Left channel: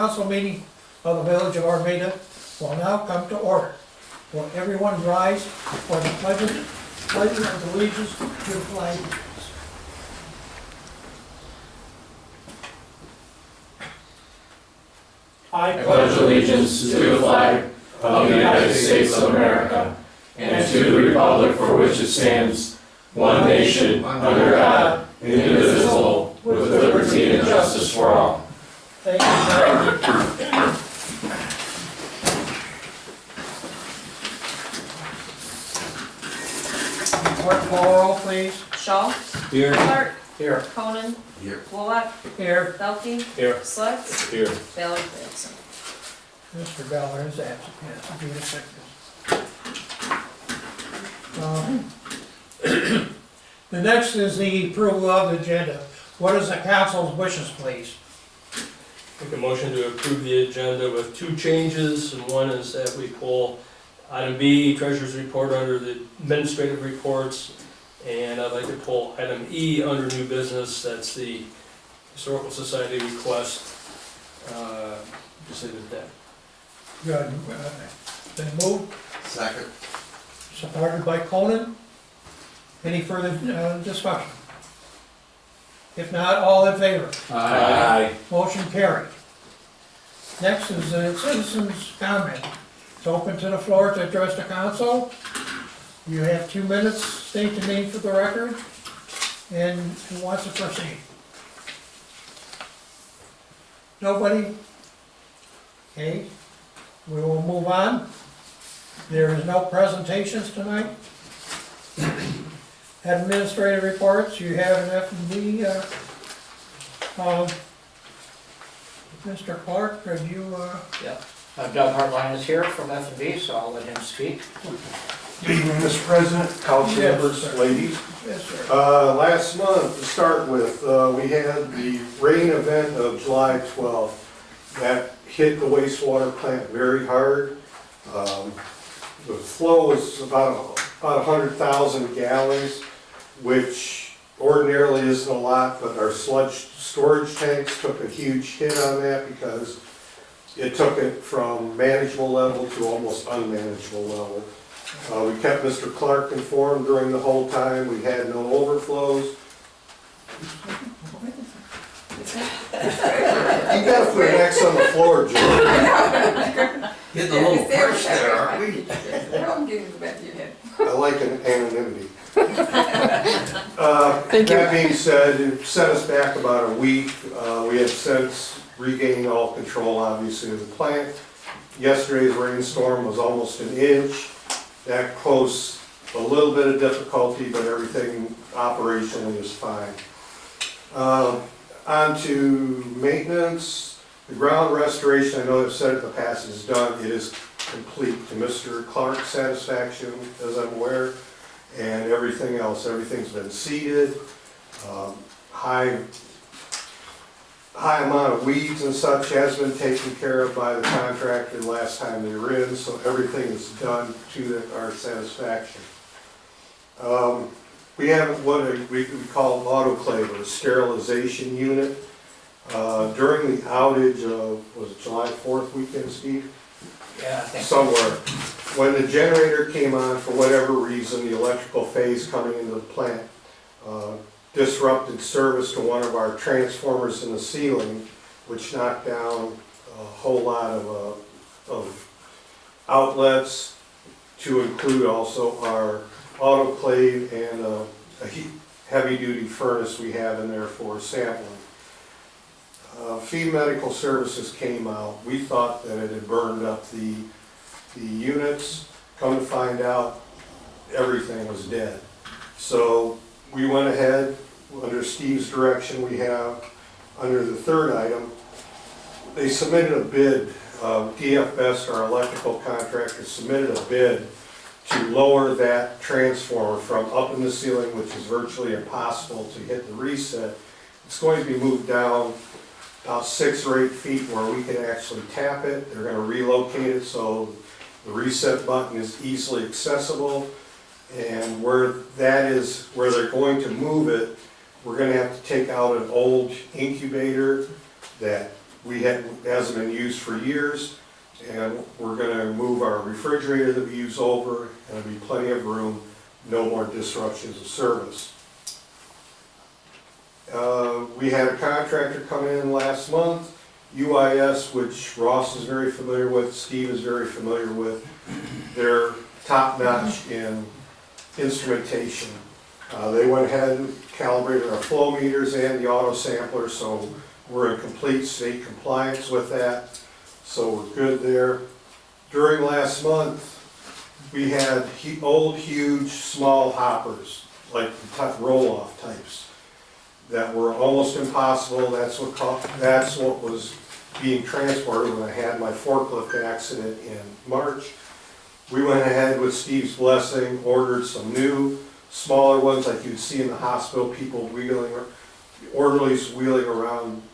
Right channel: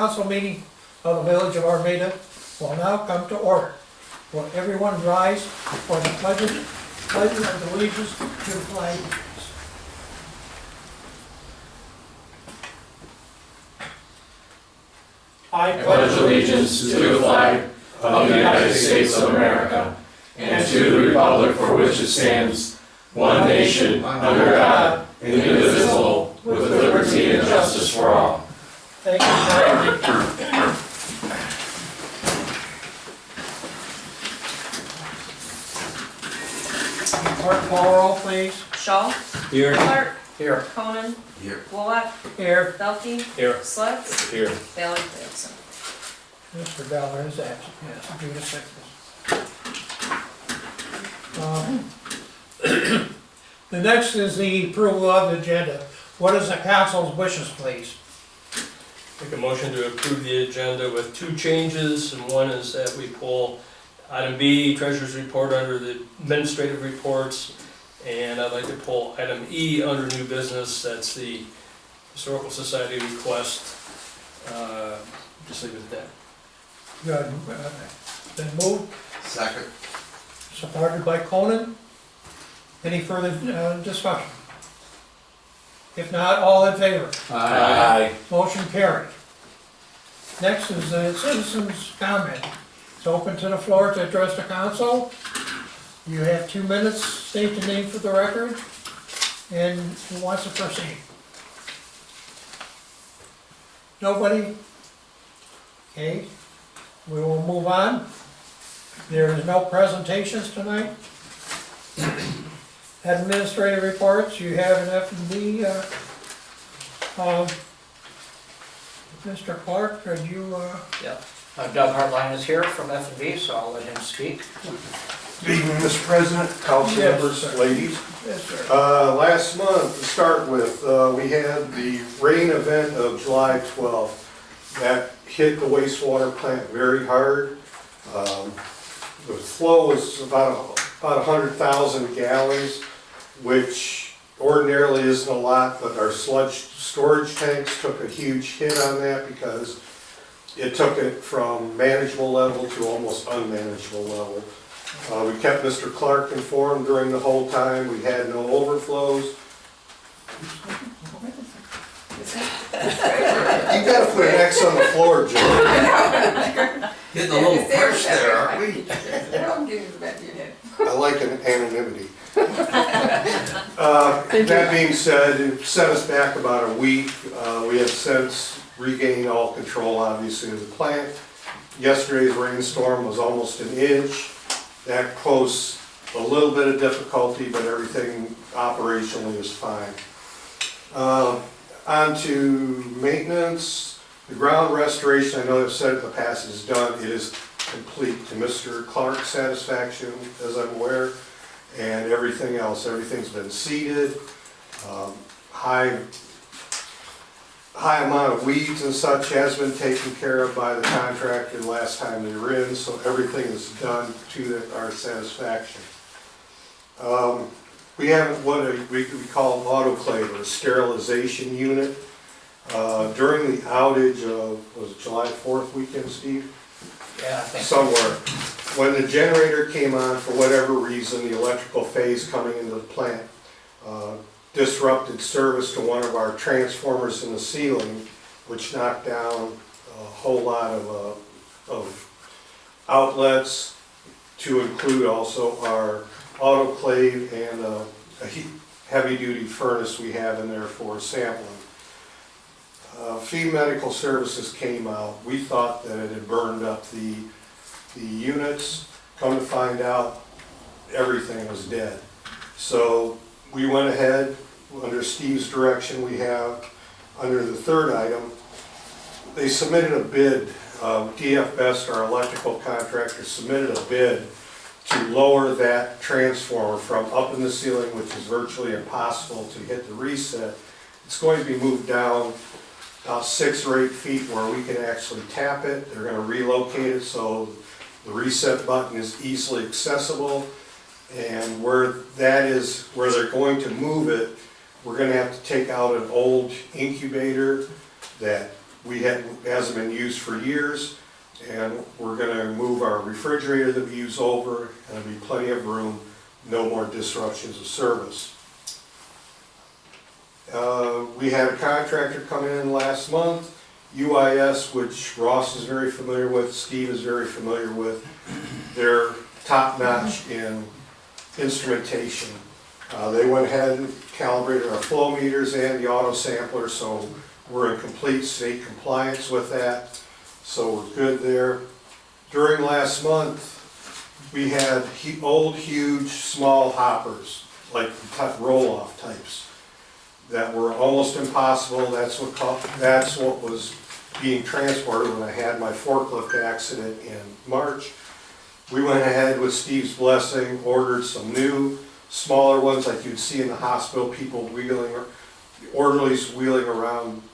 council meeting of the village of Armada will now come to order. Will everyone rise for the pledge of allegiance to the flag? I pledge allegiance to the flag of the United States of America and to the republic for which it stands, one nation, under God, indivisible, with liberty and justice for all. Thank you. Clerk, call roll, please. Shaw. Here. Clark. Here. Conan. Here. Bullock. Here. Belkey. Here. Slutz. Here. Ballard absent. Mr. Ballard is absent, yes, due to sickness. The next is the approval of the agenda. What is the council's wishes, please? Make a motion to approve the agenda with two changes, and one is that we pull item B, treasurer's report, under the administrative reports, and I'd like to pull item E under new business, that's the historical society request. Just leave it at that. Good. Been moved, Second. supported by Conan. Any further discussion? If not, all in favor? Aye. Motion carried. Next is the citizens' comment. It's open to the floor to address the council. You have 2 minutes, state the name for the record, and who wants to proceed? Nobody? Okay, we will move on. There is no presentations tonight. Administrative reports, you have an F&B. Mr. Clark, could you, Yep. Doug Hartline is here from F&B, so I'll let him speak. Good evening, Mr. President, council Yes, members, sir. ladies. yes, sir. Last month, to start with, we had the rain event of July 12th. That hit the wastewater plant very hard. The flow was about 100,000 gallons, which ordinarily isn't a lot, but our sludge storage tanks took a huge hit on that because it took it from manageable level to almost unmanageable level. We kept Mr. Clark informed during the whole time. We had no overflows. You gotta put an X on the floor, Joe. Getting a little harsh there, aren't we? Don't give it back to your head. I like an anonymity. That being said, it set us back about a week. We have since regained all control, obviously, of the plant. Yesterday's rainstorm was almost an inch. That posed a little bit of difficulty, but everything operationally is fine. On to maintenance. The ground restoration, I know I've said it in the past, is done. It is complete to Mr. Clark's satisfaction, as I'm aware, and everything else. Everything's been seeded. High amount of weeds and such has been taken care of by the contractor last time they were in, so everything is done to our satisfaction. We have what we call an autoclave, or a sterilization unit. During the outage of, was it July 4th weekend, Steve? Yeah, I think. Somewhere. When the generator came on, for whatever reason, the electrical phase coming into the plant disrupted service to one of our transformers in the ceiling, which knocked down a whole lot of outlets, to include also our autoclave and a heavy-duty furnace we have in there for sampling. Feed Medical Services came out. We thought that it had burned up the units. Come to find out, everything was dead. So we went ahead, under Steve's direction, we have, under the third item, they submitted a bid. DF Best, our electrical contractor, submitted a bid to lower that transformer from up in the ceiling, which is virtually impossible to hit the reset. It's going to be moved down about 6 or 8 feet where we can actually tap it. They're going to relocate it so the reset button is easily accessible. And where that is, where they're going to move it, we're going to have to take out an old incubator that hasn't been used for years, and we're gonna move our refrigerator that we use over, and there'll be plenty of room, no more disruptions of service. We had a contractor come in last month, UIS, which Ross is very familiar with, Steve is very familiar with. They're top-notch in instrumentation. They went ahead and calibrated our flow meters and the auto sampler, so we're in complete state compliance with that, so we're good there. During last month, we had old, huge, small hoppers, like roll-off types, that were almost impossible. That's what was being transported when I had my forklift accident in March. We went ahead with Steve's blessing, ordered some new, smaller ones like you'd see in the hospital, people wheeling, orderlies wheeling around,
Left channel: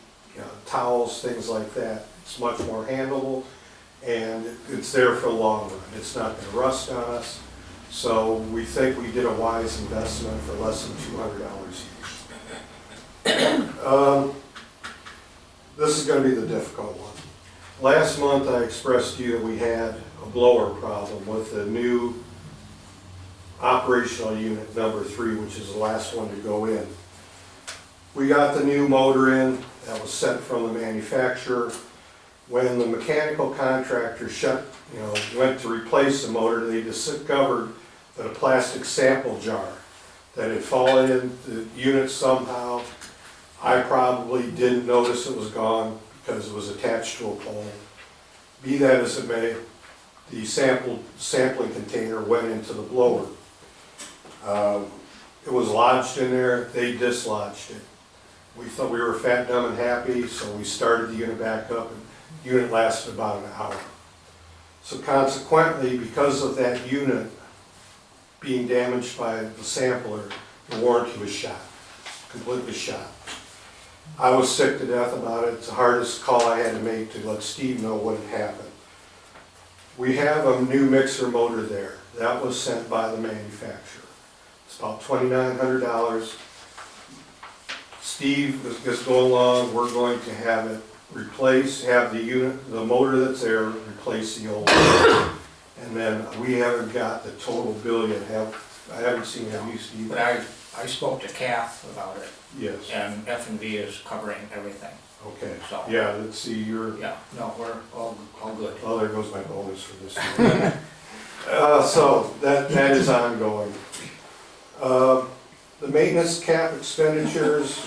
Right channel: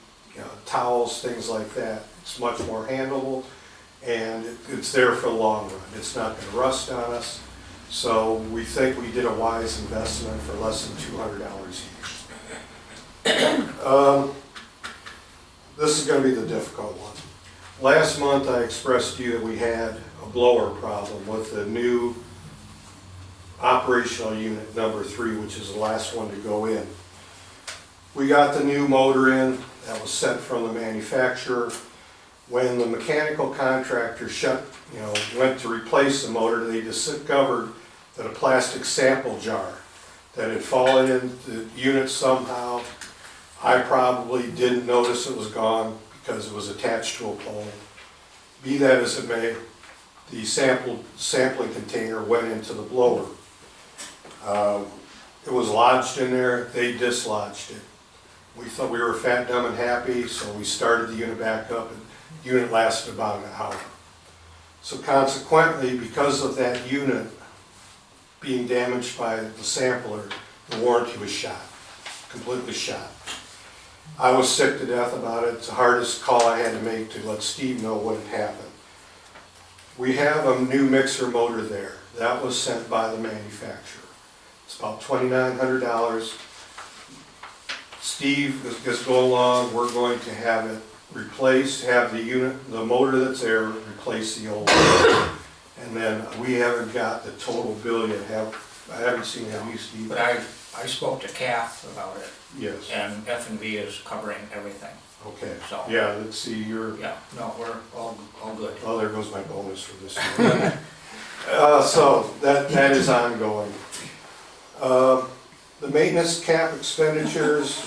towels, things like that. It's much more handleable, and it's there for the long run. It's not gonna rust on us. So we think we did a wise investment for less than $200 each. This is gonna be the difficult one. Last month I expressed to you that we had a blower problem with the new operational unit number 3, which is the last one to go in. We got the new motor in that was sent from the manufacturer. When the mechanical contractor went to replace the motor, they discovered that a plastic sample jar that had fallen into the unit somehow. I probably didn't notice it was gone because it was attached to a pole. Be that as it may, the sampling container went into the blower. It was lodged in there, they dislodged it. We thought we were fat, dumb, and happy, so we started the unit back up, and the unit lasted about an hour. So consequently, because of that unit being damaged by the sampler, the warranty was shot, completely shot. I was sick to death about it. It's the hardest call I had to make to let Steve know what had happened. We have a new mixer motor there. That was sent by the manufacturer. It's about $2,900. Steve is going along, we're going to have it replaced, have the motor that's there, replace the old one. And then we haven't got the total bill yet. I haven't seen it, have you, Steve? But I spoke to Kath about it, Yes, and F&B is covering everything. okay. So- Yeah, let's see, Yeah, no, we're all good. oh, there goes my bonus for this year. So that is ongoing. The maintenance cap expenditures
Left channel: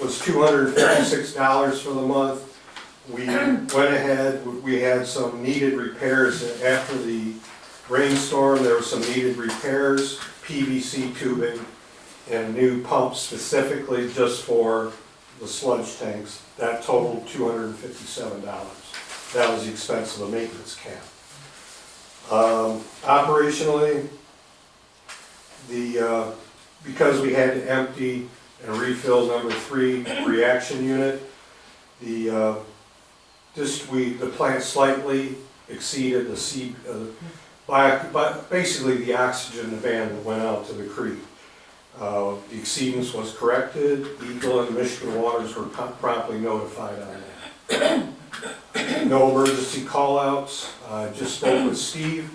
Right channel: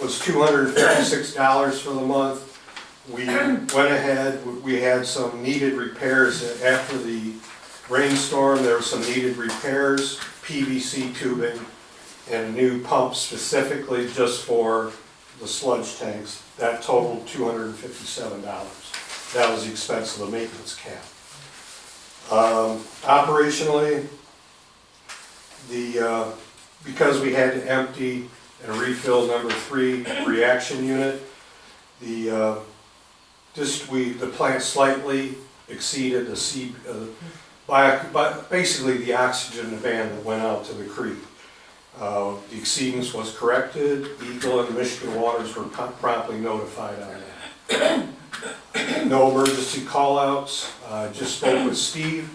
was $256 for the month. We went ahead, we had some needed repairs after the rainstorm. There were some needed repairs, PVC tubing, and a new pump specifically just for the sludge tanks. That totaled $257. That was the expense of the maintenance cap. Operationally, because we had to empty and refill number 3 reaction unit, the plant slightly exceeded basically the oxygen demand that went out to the creek. The exceedance was corrected. Eagle and Michigan Waters were promptly notified on that. No emergency call-outs. Just spoke with Steve.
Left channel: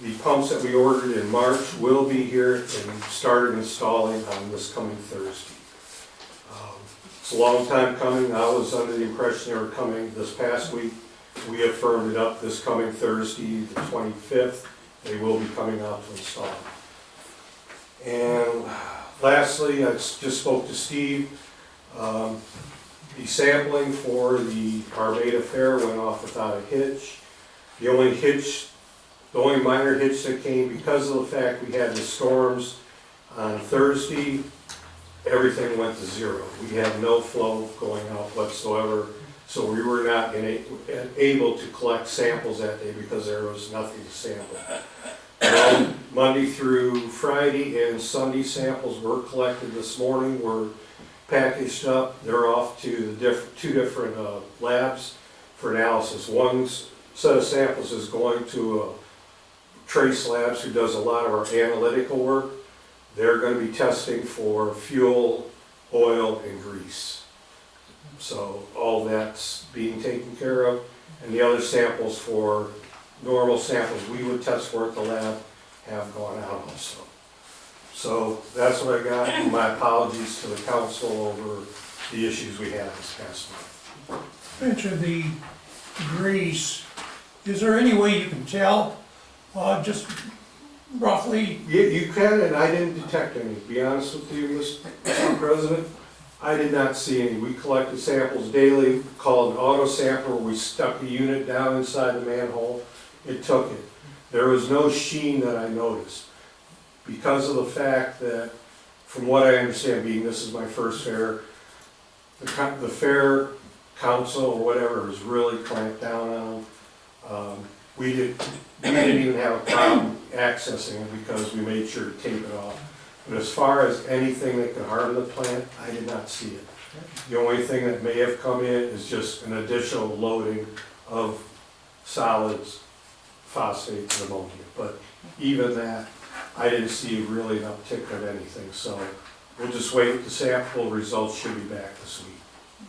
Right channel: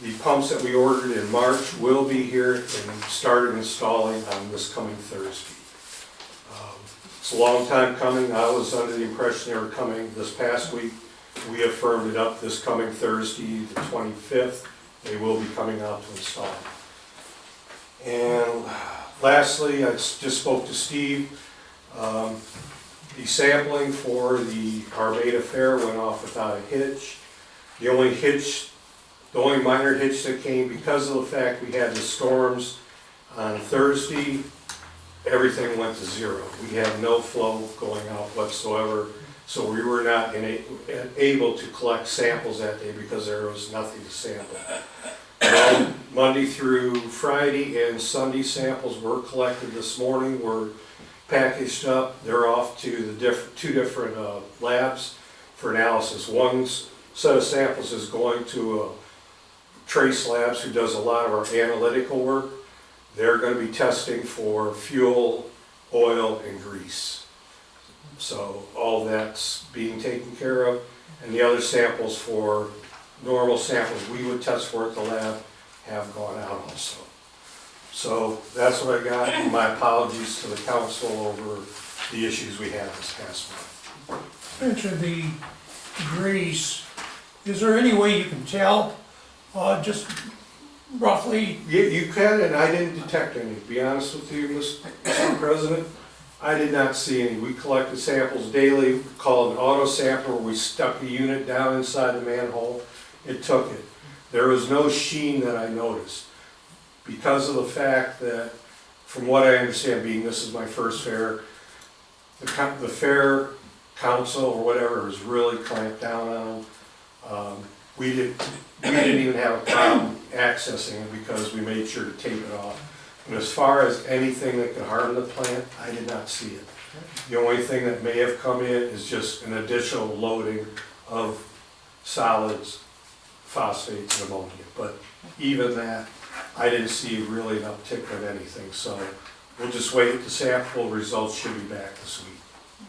The pumps that we ordered in March will be here and started installing on this coming Thursday. It's a long time coming. I was under the impression they were coming this past week. We have firmed it up this coming Thursday, the 25th. They will be coming out to install. And lastly, I just spoke to Steve. The sampling for the Armada Fair went off without a hitch. The only minor hitch that came because of the fact we had the storms on Thursday, everything went to zero. We had no flow going out whatsoever, so we were not able to collect samples that day because there was nothing to sample. Well, Monday through Friday and Sunday samples were collected this morning, were packaged up. They're off to the two different labs for analysis. One set of samples is going to Trace Labs, who does a lot of our analytical work. They're going to be testing for fuel, oil, and grease. So all that's being taken care of, and the other samples for normal samples we would test for at the lab have gone out also. So that's what I got, and my apologies to the council over the issues we had this past month. Mentioned the grease. Is there any way you can tell, just roughly? You can, and I didn't detect any, to be honest with you, Mr. President. I did not see any. We collected samples daily, called an auto sampler, where we stuck the unit down inside the manhole. It took it. There was no sheen that I noticed. Because of the fact that, from what I understand, being this is my first fair, the fair council or whatever is really clamped down on them. We didn't even have a problem accessing it because we made sure to tape it off. But as far as anything that could harm the plant, I did not see it. The only thing that may have come in is just an additional loading of solids, phosphates, and ammonia. But even that, I didn't see really an uptick of anything. So we'll just wait. The sample results should be back this week.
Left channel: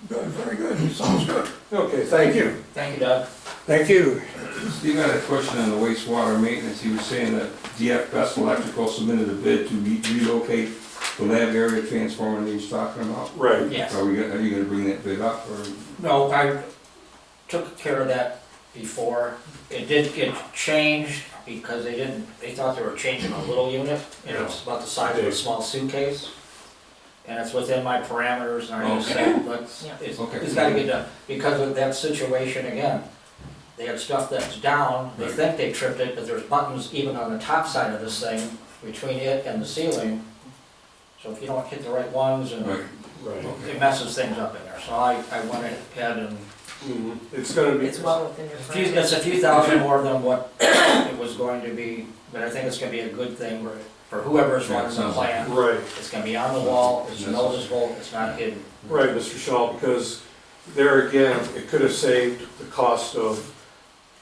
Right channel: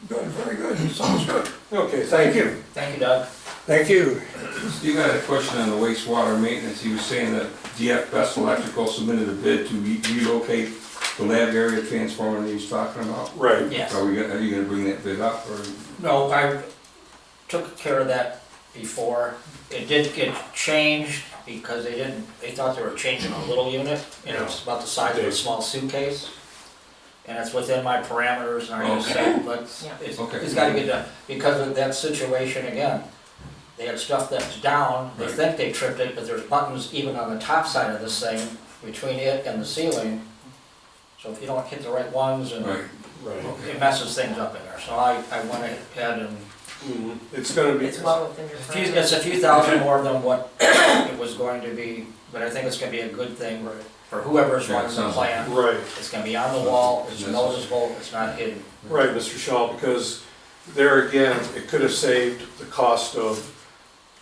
Good, very good, sounds good. Okay, thank you. Thank you, Doug. Thank you. Steve had a question on the wastewater maintenance. He was saying that DF Best Electrical submitted a bid to relocate the lab area transformer that he was talking about. Right. Yes. Are you gonna bring that bid up, or? No, I took care of that before. It did get changed because they thought they were changing a little unit, and it's about the size of a small suitcase. And it's within my parameters, and I just said, it's gotta get done. Because of that situation again, they had stuff that's down, they think they tripped it, but there's buttons even on the top side of this thing, between it and the ceiling. So if you don't hit the right ones, and Right. it messes things up in there. So I went ahead and, It's gonna be. It's well within your. it's a few thousand more than what it was going to be, but I think it's gonna be a good thing for whoever's running the plant. Right. It's gonna be on the wall, it's noticeable, it's not hidden. Right, Mr. Shaw, because there again, it could have saved the cost of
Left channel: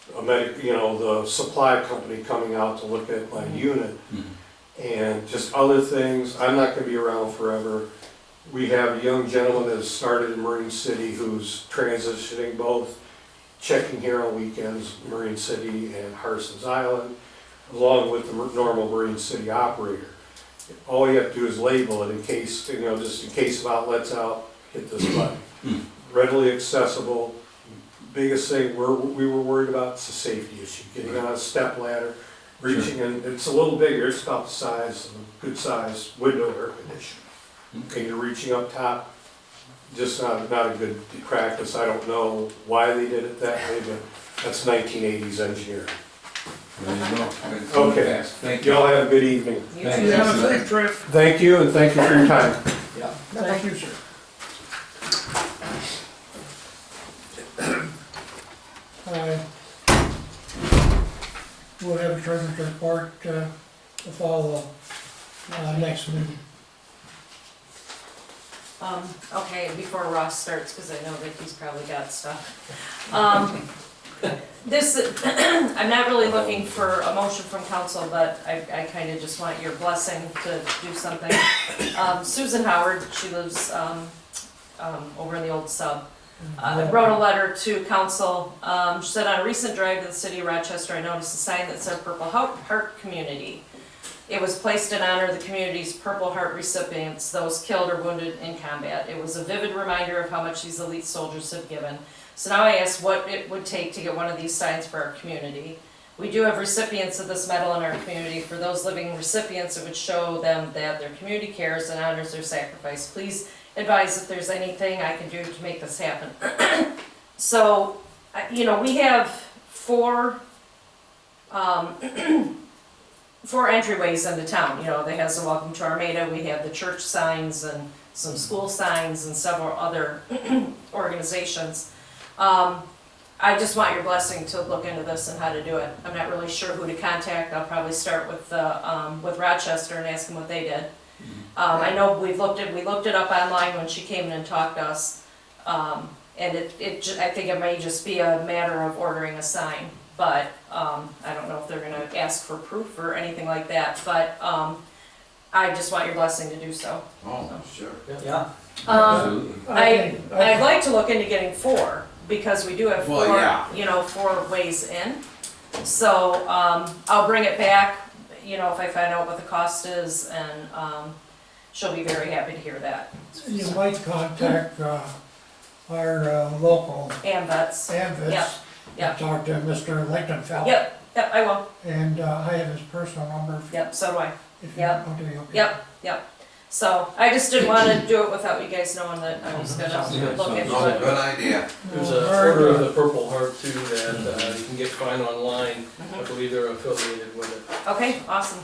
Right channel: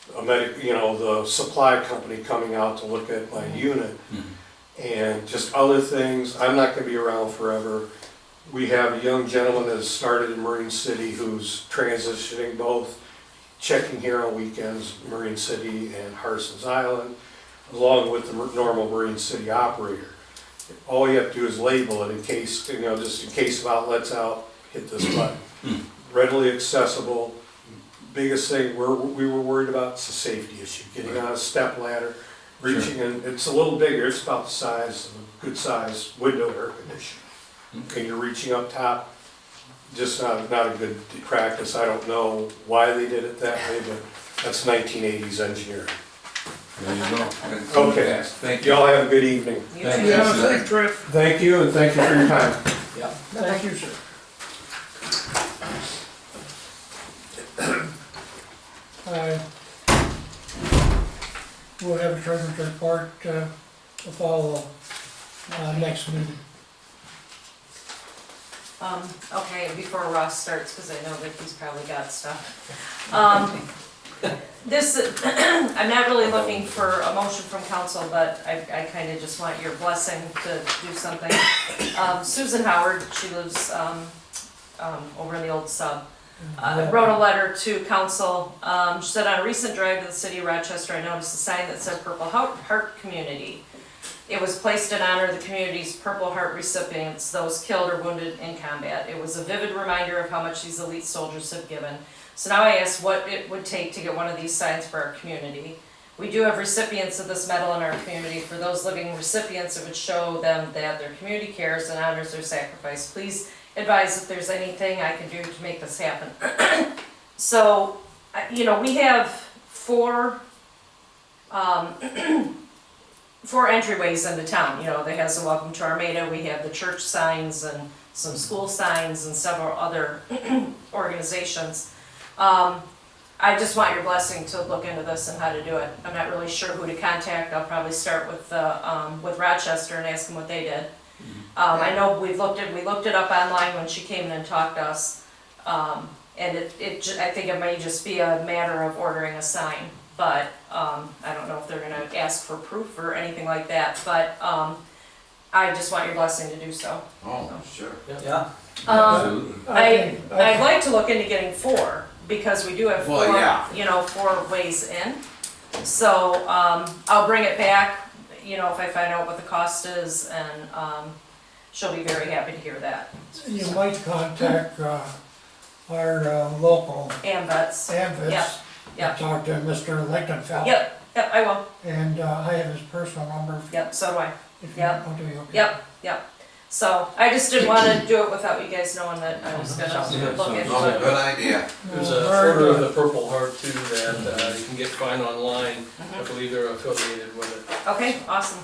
the supply company coming out to look at my unit. And just other things. I'm not gonna be around forever. We have a young gentleman that has started in Marine City who's transitioning both, checking here on weekends, Marine City and Harson's Island, along with the normal Marine City operator. All you have to do is label it in case, just in case of outlets out, hit this button. Readily accessible. Biggest thing we were worried about is the safety issue, getting on a step ladder, reaching in, it's a little bigger, it's about the size of a good sized window air conditioner. And you're reaching up top, just not a good practice. I don't know why they did it that way, but that's 1980s engineering. There you go. Okay. Thank you. Y'all have a good evening. You Thank too. You have a safe trip. Thank you, and thank you for your time. Yeah. Thank you, sir. We'll have a treasurer's report to follow next meeting. Okay, before Ross starts, because I know that he's probably got stuff. I'm not really looking for a motion from council, but I kind of just want your blessing to do something. Susan Howard, she lives over in the old sub, wrote a letter to council. She said, on a recent drive to the city of Rochester, I noticed a sign that said Purple Heart Community. It was placed in honor of the community's Purple Heart recipients, those killed or wounded in combat. It was a vivid reminder of how much these elite soldiers have given. So now I asked what it would take to get one of these signs for our community. We do have recipients of this medal in our community. For those living recipients, it would show them that their community cares and honors their sacrifice. Please advise if there's anything I can do to make this happen. So, we have four entryways into town. They has the Welcome to Armada, we have the church signs and some school signs and several other organizations. I just want your blessing to look into this and how to do it. I'm not really sure who to contact. I'll probably start with Rochester and ask them what they did. I know we looked it up online when she came in and talked to us. And I think it may just be a matter of ordering a sign. But I don't know if they're gonna ask for proof or anything like that, but I just want your blessing to do so. Oh, sure. Yeah, I'd like to look into getting 4, because we do have 4, Well, yeah. 4 ways in. So, I'll bring it back, if I find out what the cost is, and, she'll be very happy to hear that. You might contact, our, local AMVets. AMVets. Yep, yep. Talk to Mr. Lichtenfeld. Yep, I will. And, I have his personal number. Yep, so do I. If you, Yep. oh, do you? Okay. Yep. So, I just didn't wanna do it without you guys knowing that I was gonna look into Oh, it. good idea. There's Oh, a very Order of good. the Purple Heart too that you can get find online. I Mhm. believe they're affiliated with it, Okay, awesome.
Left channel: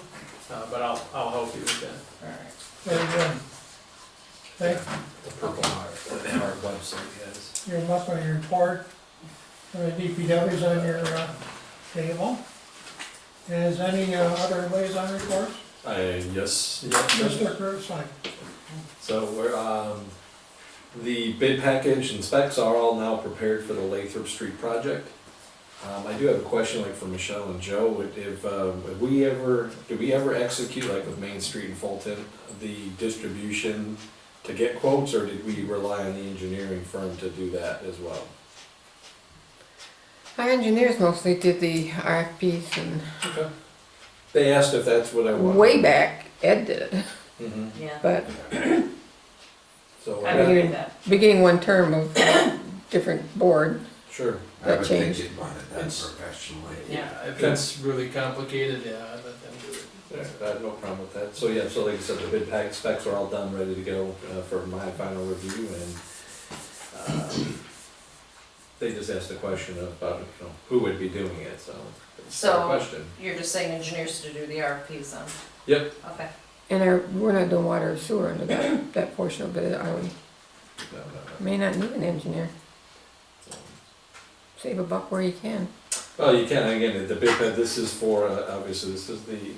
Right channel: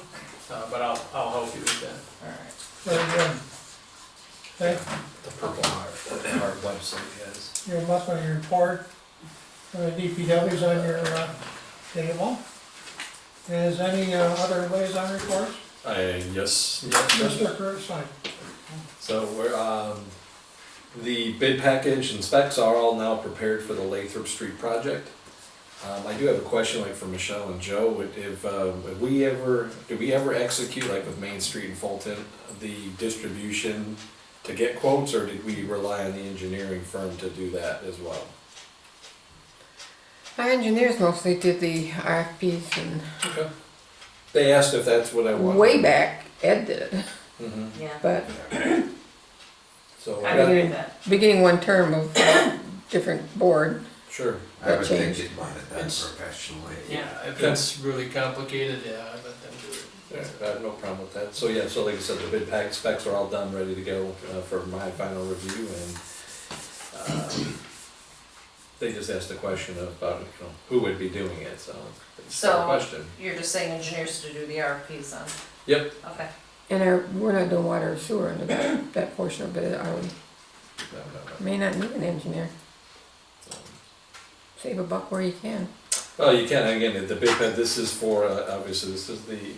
but I'll help you with that. Alright. Very good. Thank The Purple Heart website is. your monthly report from the DPW's on your, table. Is any, other liaison reports? Yes. Mr. Kursine? So the bid package and specs are all now prepared for the Lathrop Street project. I do have a question like for Michelle and Joe, did we ever execute like with Main Street and Fulton, the distribution to get quotes, or did we rely on the engineering firm to do that as well? Our engineers mostly did the RFPs and Okay. They asked if that's what I wanted. way back, Ed did it, Mhm. Yeah, but So, I agree with that. beginning one term of different board, sure. I That would think changed. you'd want it done It's- professionally. Yeah. If it's really complicated, yeah, I let them do it. Yeah, I have no problem with that. So, yeah, so like I said, the bid pack specs are all done, ready to go for my final review, and they just asked a question about, who would be doing it, so it's a So- question. You're just saying engineers to do the RFPs then? Yep. Okay. and we're not doing water or sewer under that portion of it, are we? No. May not need an engineer, So- save a buck where you can. Well, you can, again, the bid pack, this is for, obviously, this is the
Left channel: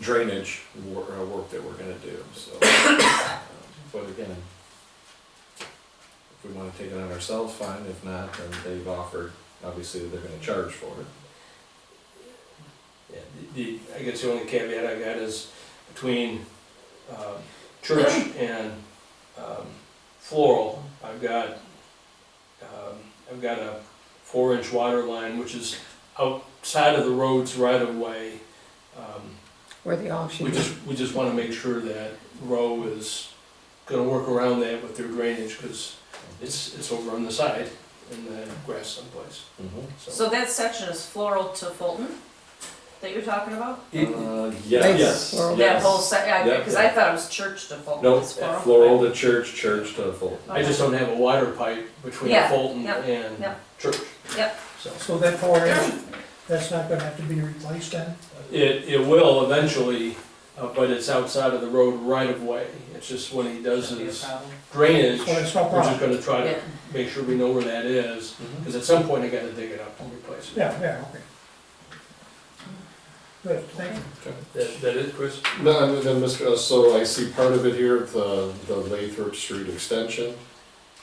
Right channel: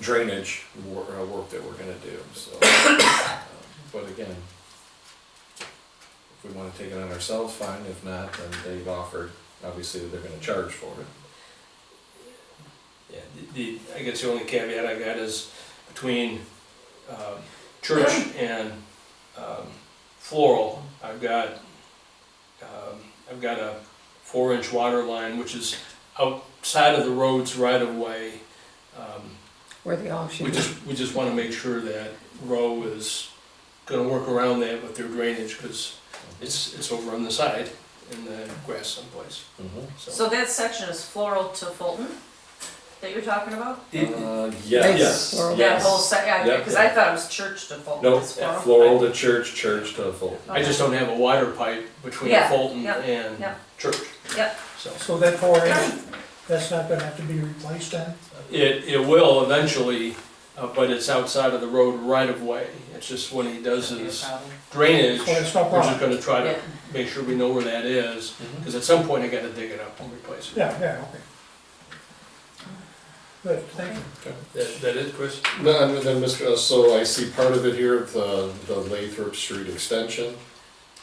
drainage work that we're gonna do, so. But again, if we wanna take it on ourselves, fine, if not, then they've offered, obviously, they're gonna charge for it. Yeah, I guess the only caveat I got is between church and floral, I've got a 4-inch water line, which is outside of the road's right of way. Where they all should be. We just wanna make sure that Row is gonna work around that with their drainage, cause it's over on the side in the grass someplace, so. So that section is Floral to Fulton that you're talking about? Yes. Floral. That whole yeah, Yep. cause I thought it was church to Fulton. No, It's Floral. floral to church, church to full. I just don't have a wider pipe between Yeah, Fulton yeah, and yeah. church. Yep. So So that 4-inch, that's not gonna have to be replaced then? it will eventually, but it's outside of the road right of way. It's just when he does Shouldn't be a his problem. drainage, So we're it's no just problem? gonna try Yeah. to make sure we know where that is, because at some point I gotta dig it up and replace it. Yeah, okay. Good, thank you. That it, Chris? No, and then, Mr., so I see part of it here, the Lathrop Street extension,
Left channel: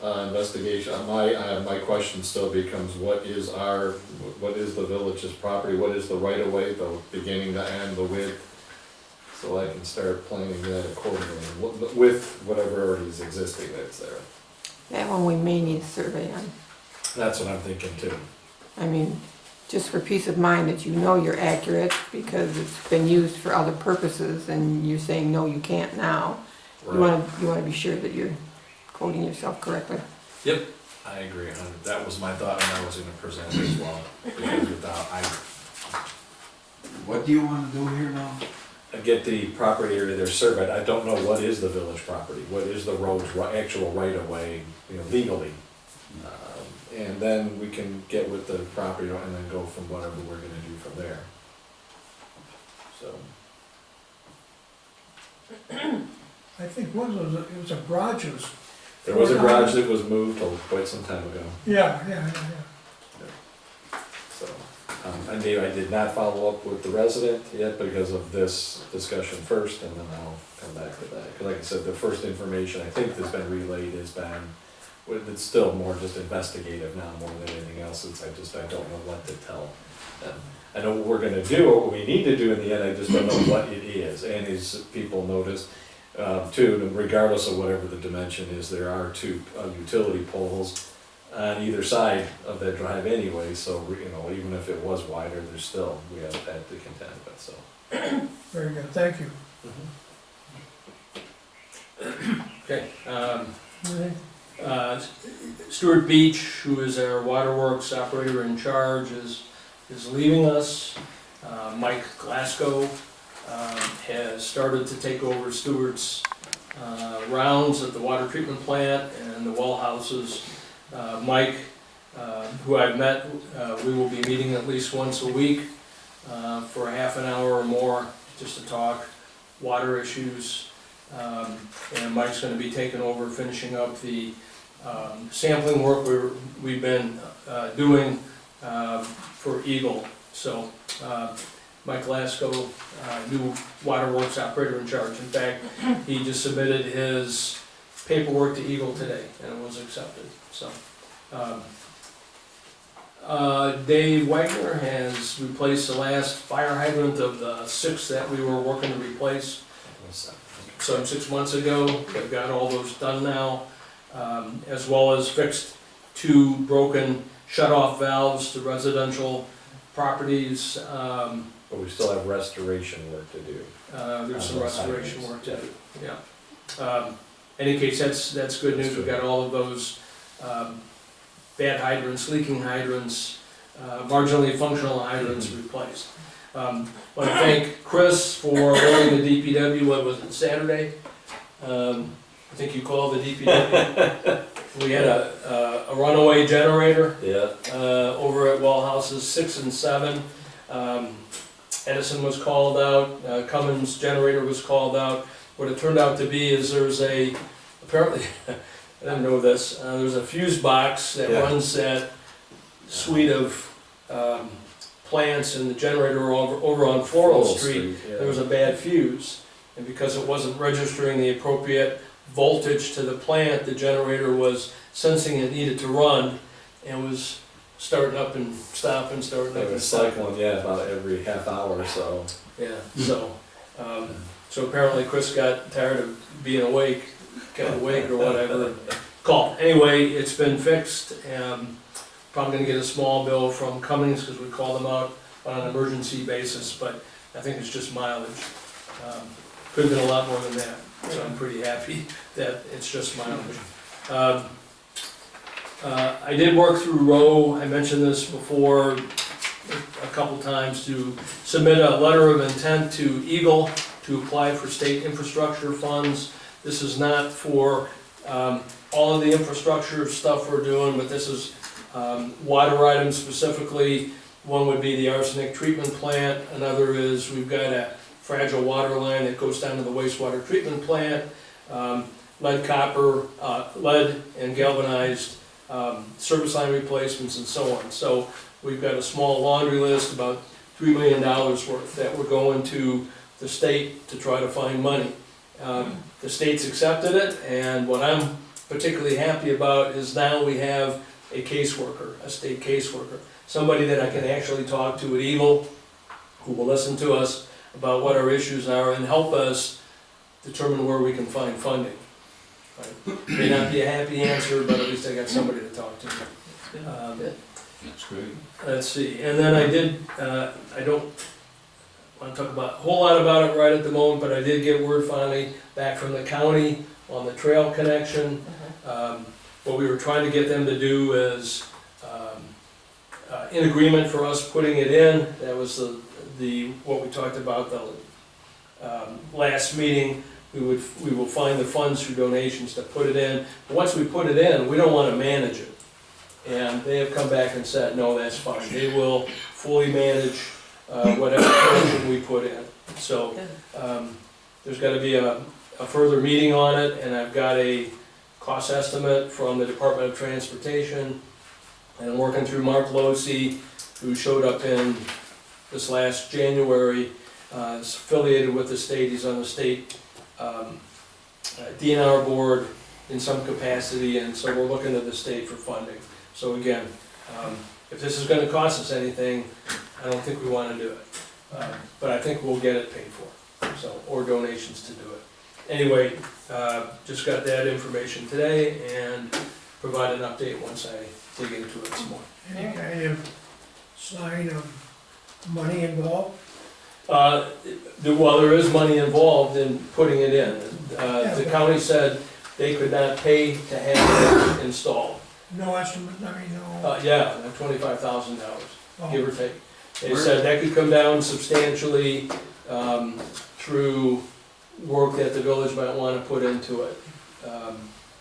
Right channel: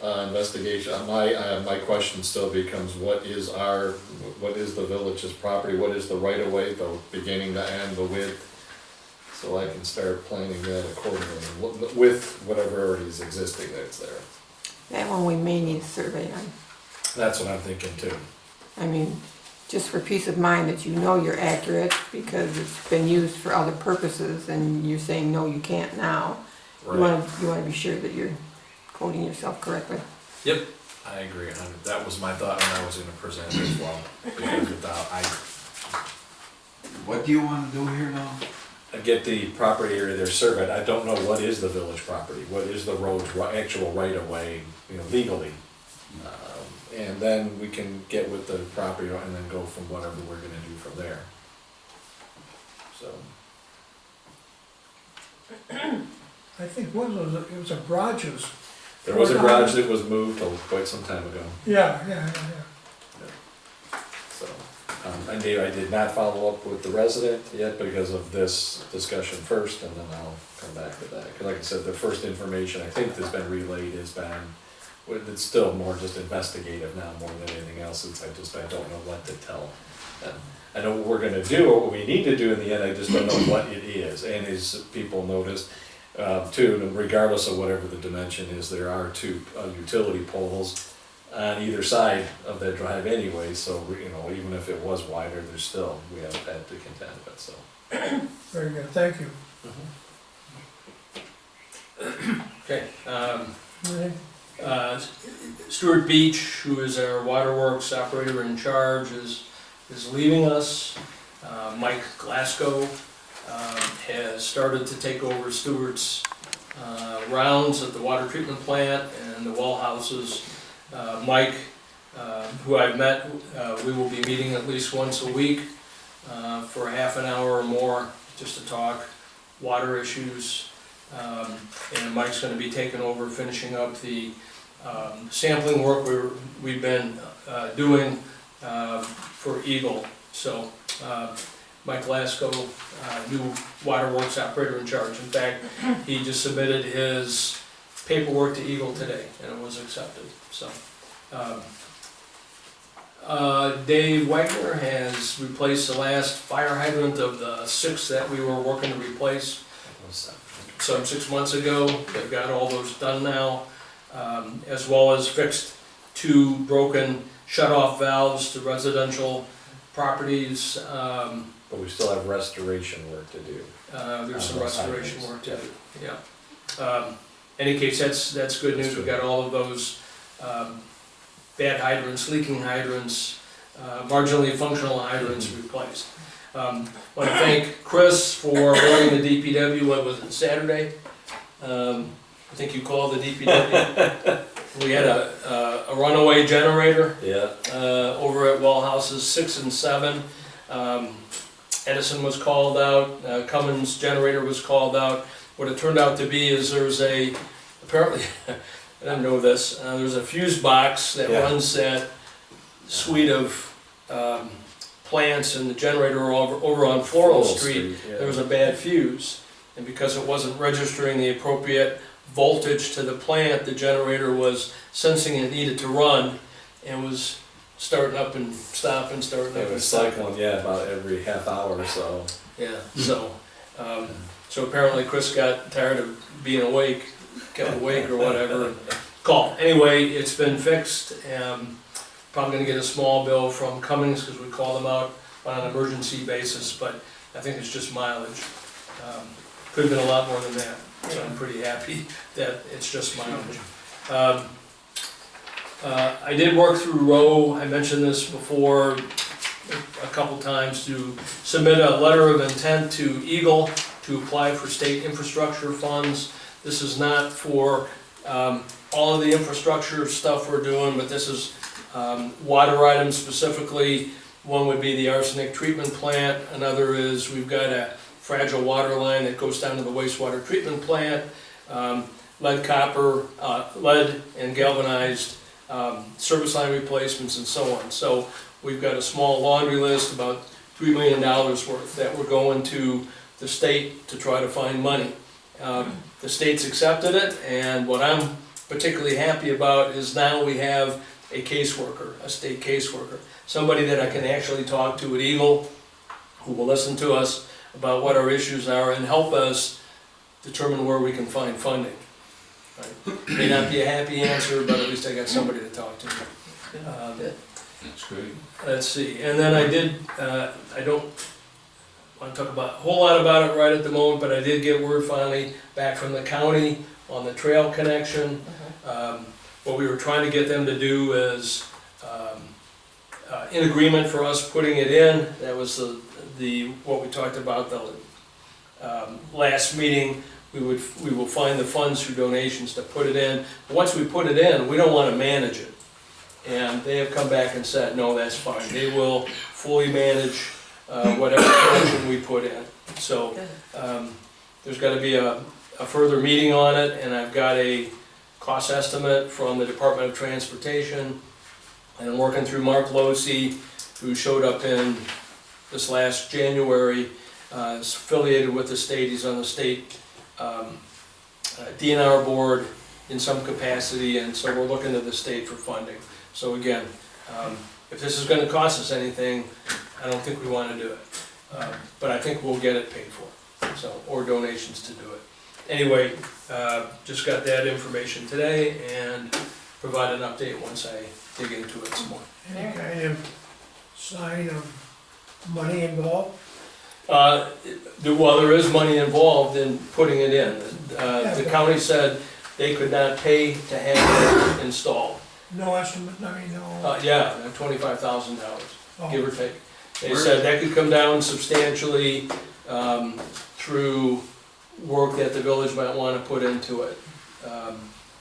investigation. My question still becomes, what is the village's property, what is the right of way, the beginning, the end, the width? So I can start planning that accordingly, with whatever already is existing that's there. That one we may need a survey on. That's what I'm thinking too. I mean, just for peace of mind that you know you're accurate, because it's been used for other purposes, and you're saying, no, you can't now. You wanna be sure that you're quoting yourself correctly. Yep, I agree, and that was my thought when I was gonna present as well, because What do you wanna do here now? I get the property area there surveyed, I don't know what is the village property, what is the road's actual right of way, legally. And then we can get with the property owner and then go from whatever we're gonna do from there. So, I think one was, it was a garages. there was a garage that was moved quite some time ago, Yeah. so. I did not follow up with the resident yet because of this discussion first, and then I'll come back to that. Cause like I said, the first information I think that's been relayed has been, it's still more just investigative now, more than anything else, I don't know what to tell them. I know what we're gonna do, or what we need to do in the end, I just don't know what it is, and as people noticed, Too, and regardless of whatever the dimension is, there are two utility poles on either side of that drive anyway, so, you know, even if it was wider, there's still, we have had to contend with, so. Very good, thank you. Okay, Anything? Stuart Beach, who is our waterworks operator in charge, is leaving us. Mike Glasgow has started to take over Stuart's rounds at the water treatment plant and the well houses. Mike, who I've met, we will be meeting at least once a week for a half an hour or more, just to talk water issues. And Mike's gonna be taking over, finishing up the sampling work we've been doing for Eagle. So Mike Glasgow, new waterworks operator in charge. In fact, he just submitted his paperwork to Eagle today, and it was accepted, so. Dave Wagner has replaced the last fire hydrant of the 6 that we were working to replace some 6 months ago. They've got all those done now, as well as fixed 2 broken shut-off valves to residential properties. But we still have restoration work to do. There's some restoration work to do, yeah. Any case, that's good news. We've got all of those bad hydrants, leaking hydrants, marginally functional hydrants replaced. Want to thank Chris for running the DPW, what was it, Saturday? I think you called the DPW. We had a runaway generator. Yeah. Over at well houses 6 and 7. Edison was called out, Cummins generator was called out. What it turned out to be is there's apparently, I didn't know this, there's a fuse box that runs that suite of plants in the generator over on Floral Street. Yeah. There was a bad fuse, and because it wasn't registering the appropriate voltage to the plant, the generator was sensing it needed to run and was starting up and stopping, starting up It and was stopping. cycling, yeah, about every half hour or so. Yeah, so apparently Chris got tired of being awake, kept awake or whatever, and called. Anyway, it's been fixed, and probably gonna get a small bill from Cummins, because we called them out on an emergency basis, but I think it's just mileage. Could've been a lot more than that, so I'm pretty happy that it's just mileage. I did work through Rowe, I mentioned this before a couple times, to submit a letter of intent to Eagle to apply for state infrastructure funds. This is not for all of the infrastructure stuff we're doing, but this is water items specifically. One would be the arsenic treatment plant, another is we've got a fragile water line that goes down to the wastewater treatment plant, lead and galvanized service line replacements and so on. So we've got a small laundry list, about $3 million worth, that we're going to the state to try to find money. The state's accepted it, and what I'm particularly happy about is now we have a caseworker, a state caseworker, somebody that I can actually talk to at Eagle, who will listen to us about what our issues are and help us determine where we can find funding. Right? May not be a happy answer, but at least I got somebody to talk to. That's great. Let's see, and then I did, I don't want to talk about a whole lot about it right at the moment, but I did get word finally back from the county on the trail connection. What we were trying to get them to do is in agreement for us putting it in. That was what we talked about the last meeting. We will find the funds through donations to put it in. But once we put it in, we don't want to manage it. And they have come back and said, no, that's fine. They will fully manage whatever connection we put in. So there's got to be a further meeting on it, and I've got a cost estimate from the Department of Transportation. And I'm working through Mark Losey, who showed up in this last January, is affiliated with the state. He's on the state DNR board in some capacity, and so we're looking to the state for funding. So again, if this is gonna cost us anything, I don't think we wanna do it. But I think we'll get it paid for, so, or donations to do it. anyway, just got that information today and provide an update once I dig into it some more. Any kind of sign of money involved? Well, there is money involved in putting it in. The county said they could not pay to have it installed. No estimate, I mean, no. Yeah, $25,000, Oh, give or take. They said that could come down substantially, through work that the village might wanna put into it.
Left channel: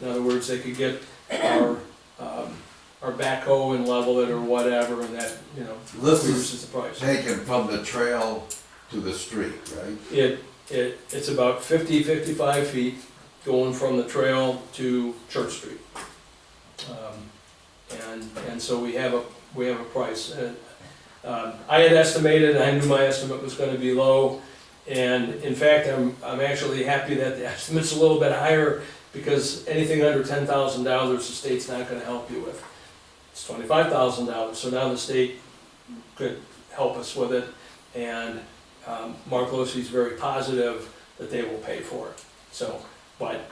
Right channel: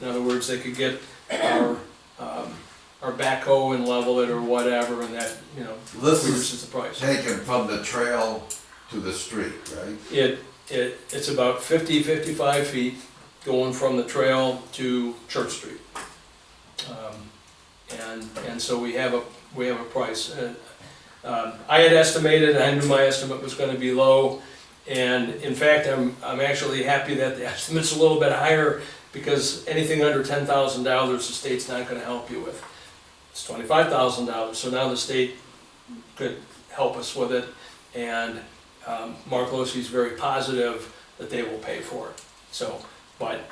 In other words, they could get our backhoe and level it or whatever, and that, This reduces is the price. taken from the trail to the street, right? It's about 55 feet going from the trail to Church Street. And so we have a price. I had estimated, I knew my estimate was gonna be low, and in fact, I'm actually happy that the estimate's a little bit higher, because anything under $10,000, the state's not gonna help you with. It's $25,000, so now the state could help us with it, and Mark Losey's very positive that they will pay for it. So, but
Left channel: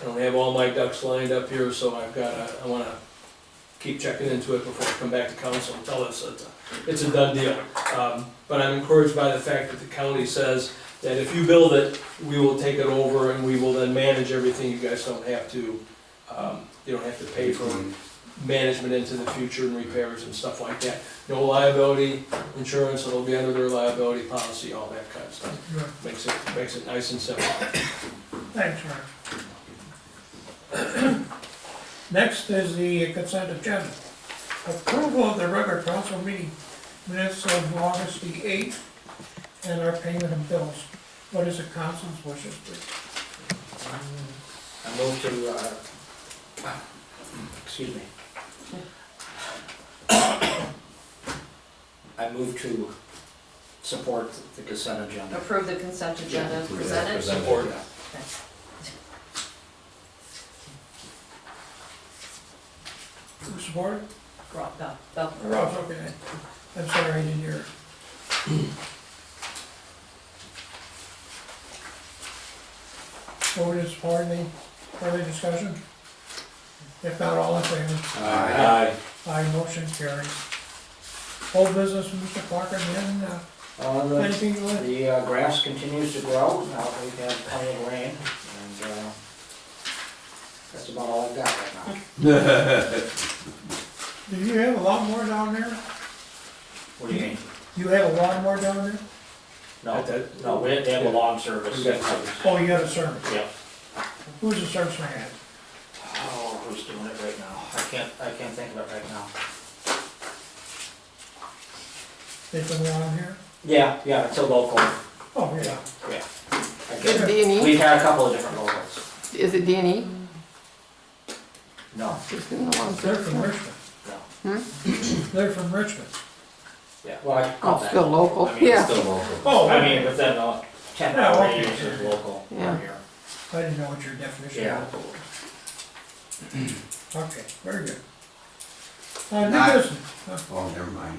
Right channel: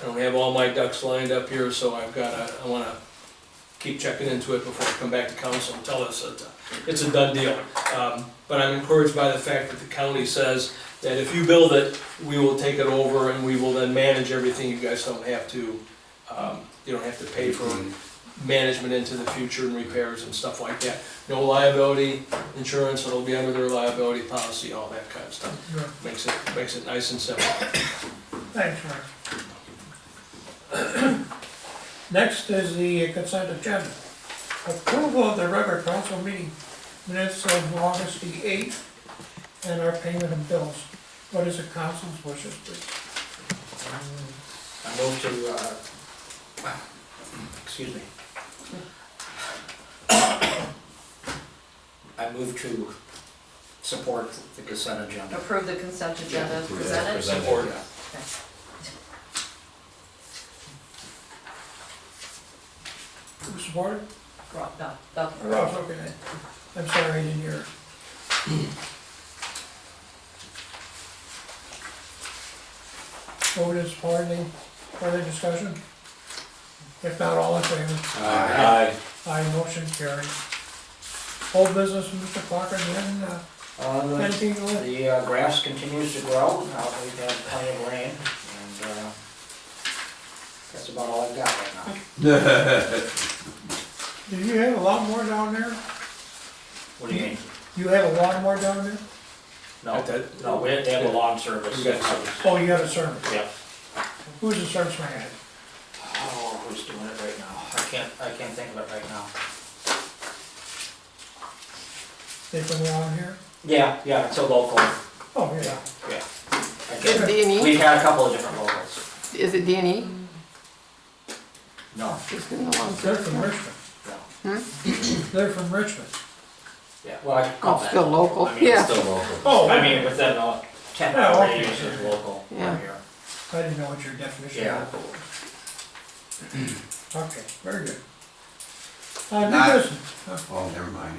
I don't have all my ducks lined up here, so I wanna keep checking into it before I come back to council and tell us that it's a done deal. But I'm encouraged by the fact that the county says that if you build it, we will take it over and we will then manage everything. You guys don't have to, you don't have to pay for management into the future and repairs and stuff like that. No liability insurance, it'll be under their liability policy, all that kind of stuff. good. Makes it nice and simple. Thanks, Mark. Next is the consent agenda. Approval of the regular council meeting minutes of August the 8th and our payment of bills. What is the council's wishes, please? I move to, excuse me. I move to support the consent agenda. Approve the consent agenda as presented. Support. Who supported? Rob, Bell. Ross, okay. I'm sorry, I didn't hear it. Moved and supported, any further discussion? If not, all in favor? Aye. Aye, motion carries. Whole business, Mr. Clark, again, anything you want? The grass continues to grow, now that we've had plenty of rain, and that's about all I've got right now. Do you have a lawnmower down there? What do you mean? You have a lawnmower down there? No, no, they have a lawn service. We got service. Oh, you have a service. Yeah. Who's the service man? Oh, who's doing it right now? I can't think of it right now. They come along here? Yeah, it's a local, Oh, yeah. yeah. I Is it can't- D&E? We've had a couple of different locals. Is it D&E? No, Just in the lawn They're service? from Richmond. no. They're from Richmond. Yeah, well, I Oh, call that. still local, I mean, yeah. Still local. Oh, I mean, within a 10 Yeah, hour okay. radius is local Yeah. around here. I didn't know what your definition Yeah. of local was. Okay, very good. New Not- business, Oh, never mind.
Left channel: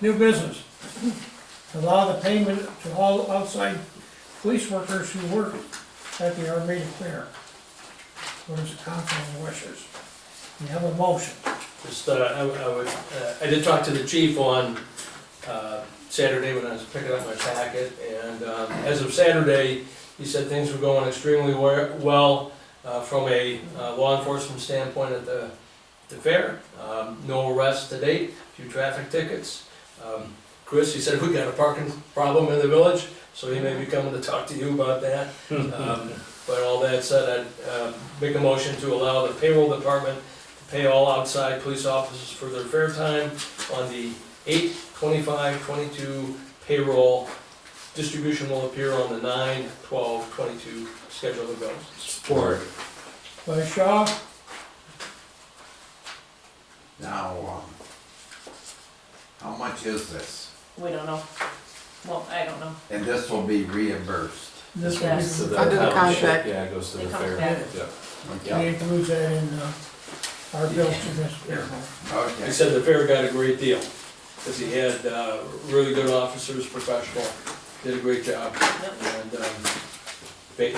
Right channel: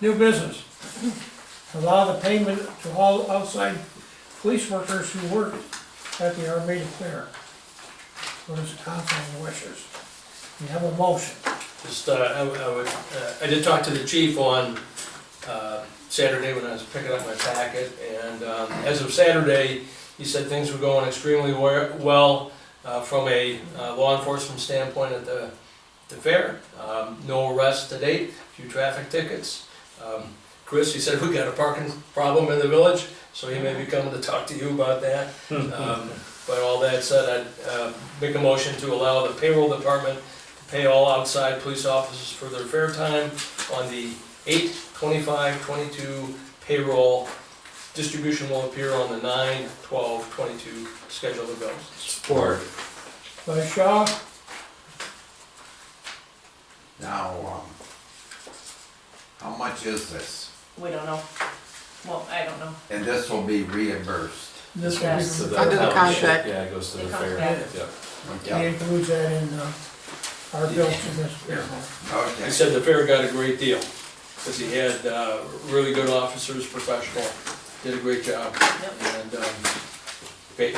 new business. Allow the payment to all outside police workers who work at the Armada Fair. What is the council's wishes? We have a motion. Just, I did talk to the chief on, Saturday when I was picking up my packet, and, as of Saturday, he said things were going extremely well, from a law enforcement standpoint at the fair. No arrests to date, few traffic tickets. Chris, he said we got a parking problem in the village, so he may be coming to talk to you about that. But all that said, I'd make a motion to allow the payroll department to pay all outside police officers for their fair time on the 8/25/22 payroll. Distribution will appear on the 9/12/22 schedule of bills. Support. By Shaw, Now, how much is this? We don't know. Well, I don't know. And this will be reimbursed. this will Yes. be, So Under the county ship, contract. Yeah, it goes to It the comes fair. back. Yeah. he includes that in, our bills to this fair. He Okay. said the fair got a great deal, because he had really good officers, professional, did a great job. Yep. And,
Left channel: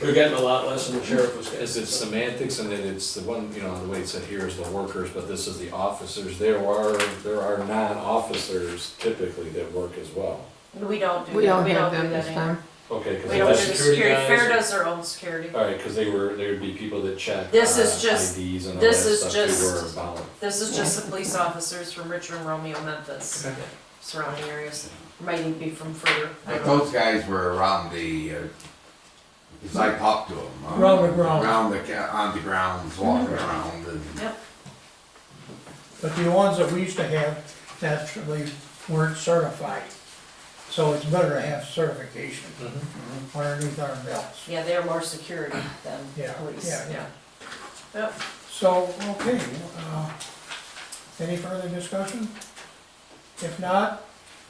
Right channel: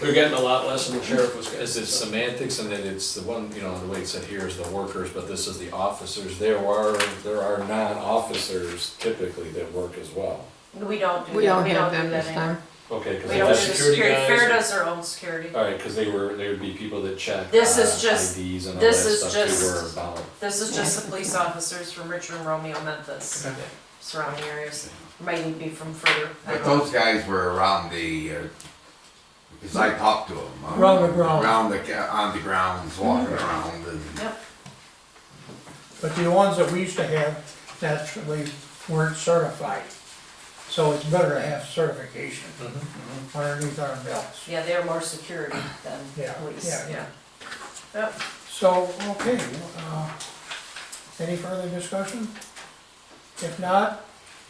we're getting a lot less than the sheriff was getting. Is it semantics, and then it's the one, you know, the way it said here is the workers, but this is the officers. There are non-officers typically that work as well. We don't do that. We don't have them do that this anymore. time. Okay, because We don't do the that's, security security, guys Fair or- does their own security. all right, because they would be people that check This is just- IDs and all that this is stuff just- too, or about. This is just the police officers from Richard and Romeo, Memphis, surrounding areas, might even be from further, I But don't know. those guys were around the, because I talked to them. Around the ground. On the grounds, walking around and. Yep, But the ones that we used to have naturally weren't certified. So it's better to have certification underneath our belts. yeah, they're more security than Yeah, police, yeah, yeah. Yep, So, okay, any further discussion? If not,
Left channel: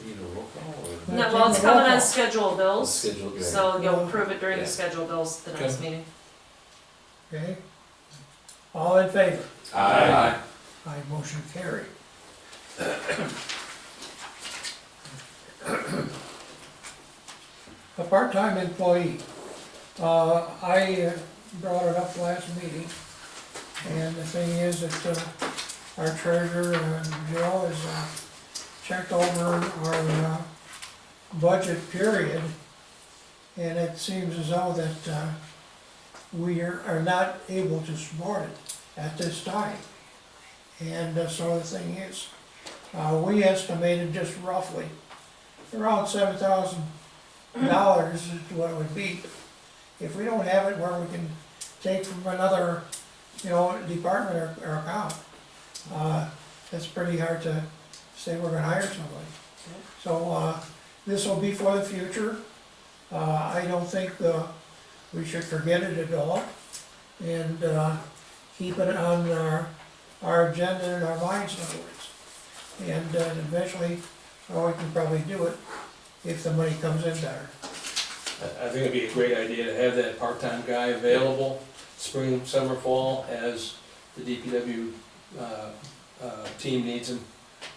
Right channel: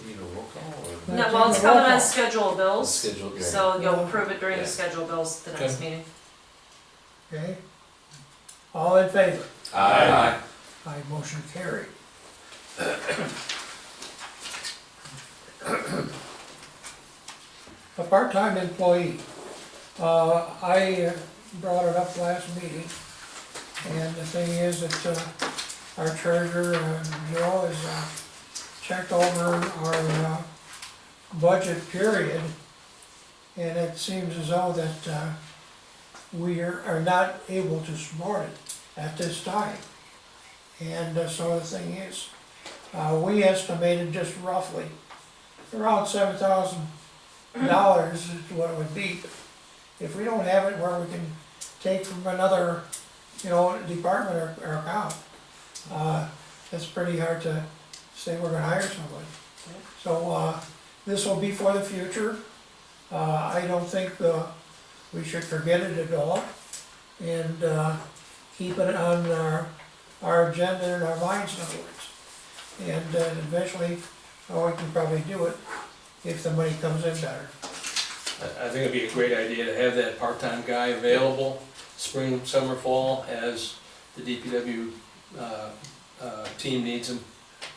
You know, roll call or? no, well, it's coming on schedule bills, Schedule, yeah. so you'll approve it during Yeah. the schedule bills at the next meeting. okay, all in favor? Aye. Aye, motion carried. A part-time employee. I brought it up last meeting, and the thing is that our treasurer, Joe, has checked over our budget period, and it seems as though that we are not able to support it at this time. And so the thing is, we estimated just roughly around $7,000 is what it would be. If we don't have it where we can take from another, department or account, it's pretty hard to say we're gonna hire somebody. So, this will be for the future. I don't think we should forget it at all, and keep it on our agenda and our minds, in other words. And eventually, we can probably do it if the money comes in better. I think it'd be a great idea to have that part-time guy available, spring, summer, fall, as the DPW, team needs him.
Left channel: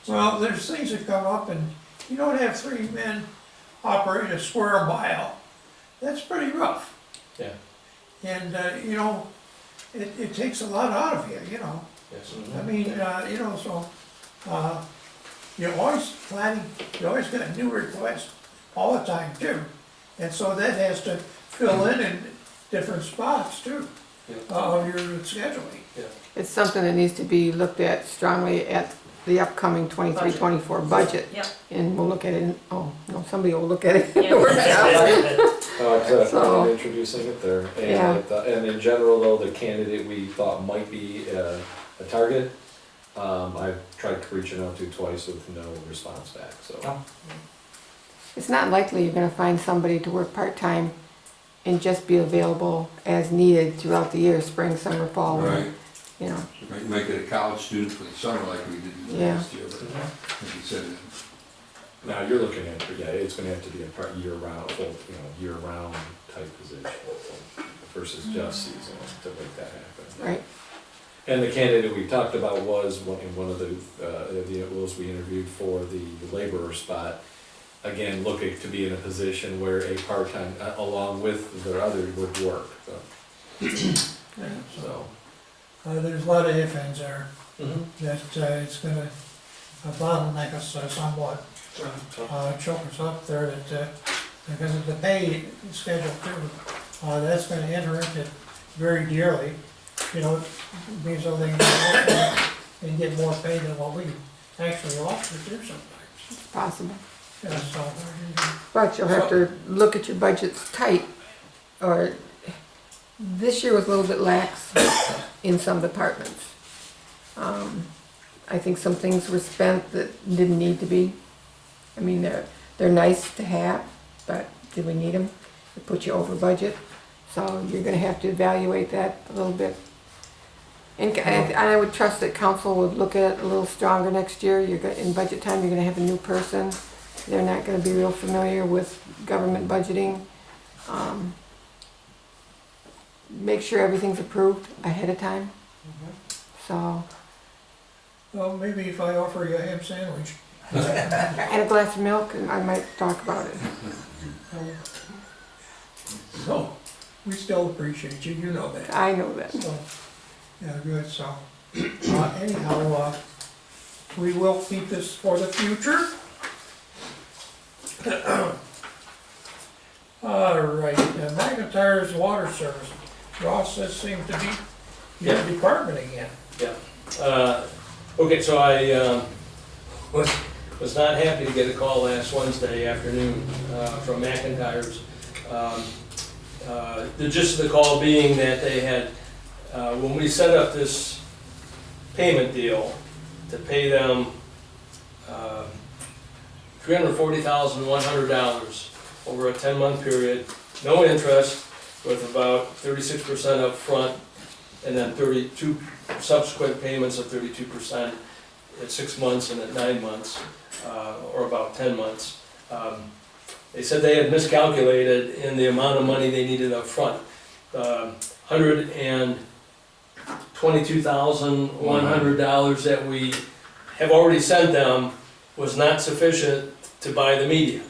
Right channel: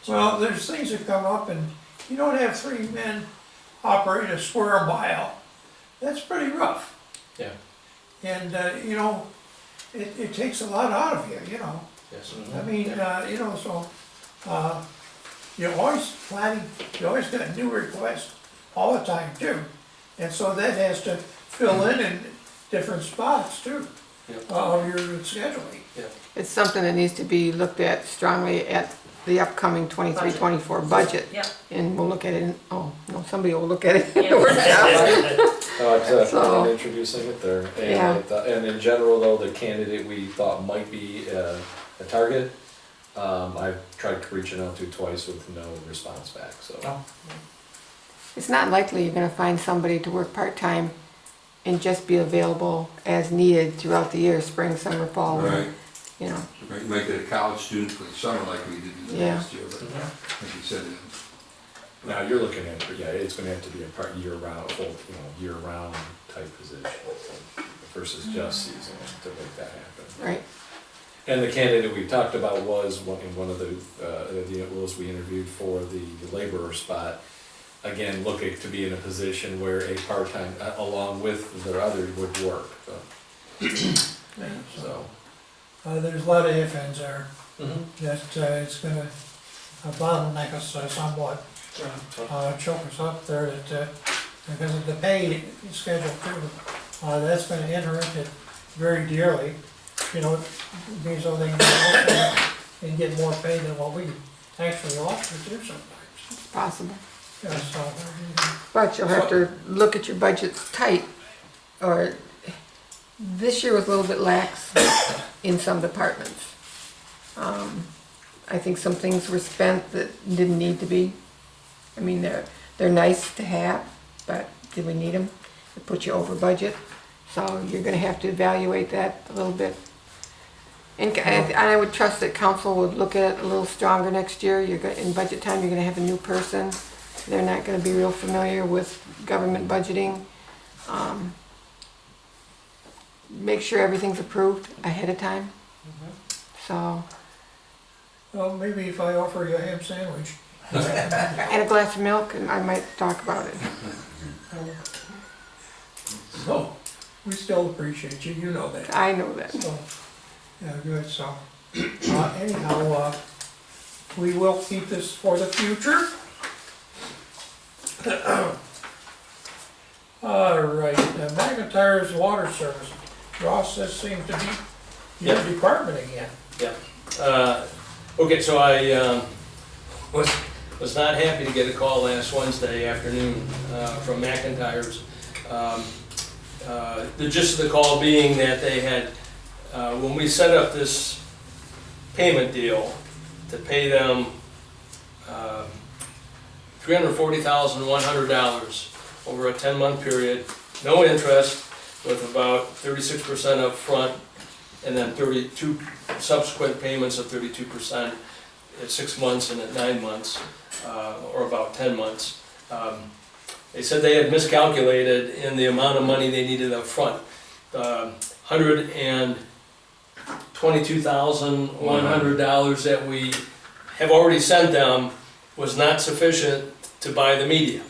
Well, there's things that come up, and you don't have 3 men operate a square mile. That's pretty rough. Yeah. And, it takes a lot out of you, Yes. I mean, so, you're always planning, you always got new requests all the time too. And so that has to fill in different spots too, of your scheduling. It's something that needs to be looked at strongly at the upcoming 23-24 budget. Yep. And we'll look at it, somebody will look at it in Yep. the workshop. It's So- introducing it there. Yeah. And in general though, the candidate we thought might be a target, I've tried reaching out to twice with no response back, so. Oh. It's not likely you're gonna find somebody to work part-time and just be available as needed throughout the year, spring, summer, fall, Right, you know. make it a college student for the summer like we did Yeah. last year, but like you said, Now, you're looking at, it's gonna have to be a part year-round, full, year-round type position versus just seasonal to make that happen. Right. And the candidate we talked about was one of the we interviewed for the laborer spot. Again, looking to be in a position where a part-time, along with their other, would work, so. So. There's a lot of ifs, ands there, Mm-hmm. that it's gonna bottleneck us somewhat, choke us up there, that, because of the pay schedule too, that's gonna enter into very dearly, means so they can go and get more pay than what we actually offer too sometimes. It's possible. Yeah, so, But you'll have to look at your budgets tight, or this year was a little bit lax in some departments. I think some things were spent that didn't need to be. I mean, they're nice to have, but did we need them? It put you over budget, so you're gonna have to evaluate that a little bit. And I would trust that council would look at it a little stronger next year. In budget time, you're gonna have a new person. They're not gonna be real familiar with government budgeting. Make sure everything's approved ahead of time. So, well, maybe if I offer you a ham sandwich, And a glass of milk, and I might talk about it. So, we still appreciate you, you know that. I know that. So, yeah, good, so, anyhow, we will keep this for the future. All right, McIntyre's water service, Ross, this seems to be your Yeah. department again. Okay, so I was not happy to get a call last Wednesday afternoon from McIntyre's. The gist of the call being that they had, when we set up this payment deal to pay them $340,100 over a 10-month period, no interest, with about 36% up front, and then 32 subsequent payments of 32% at 6 months and at 9 months, or about 10 months. They said they had miscalculated in the amount of money they needed up front. $122,100 that we have already sent them was not sufficient to buy the media.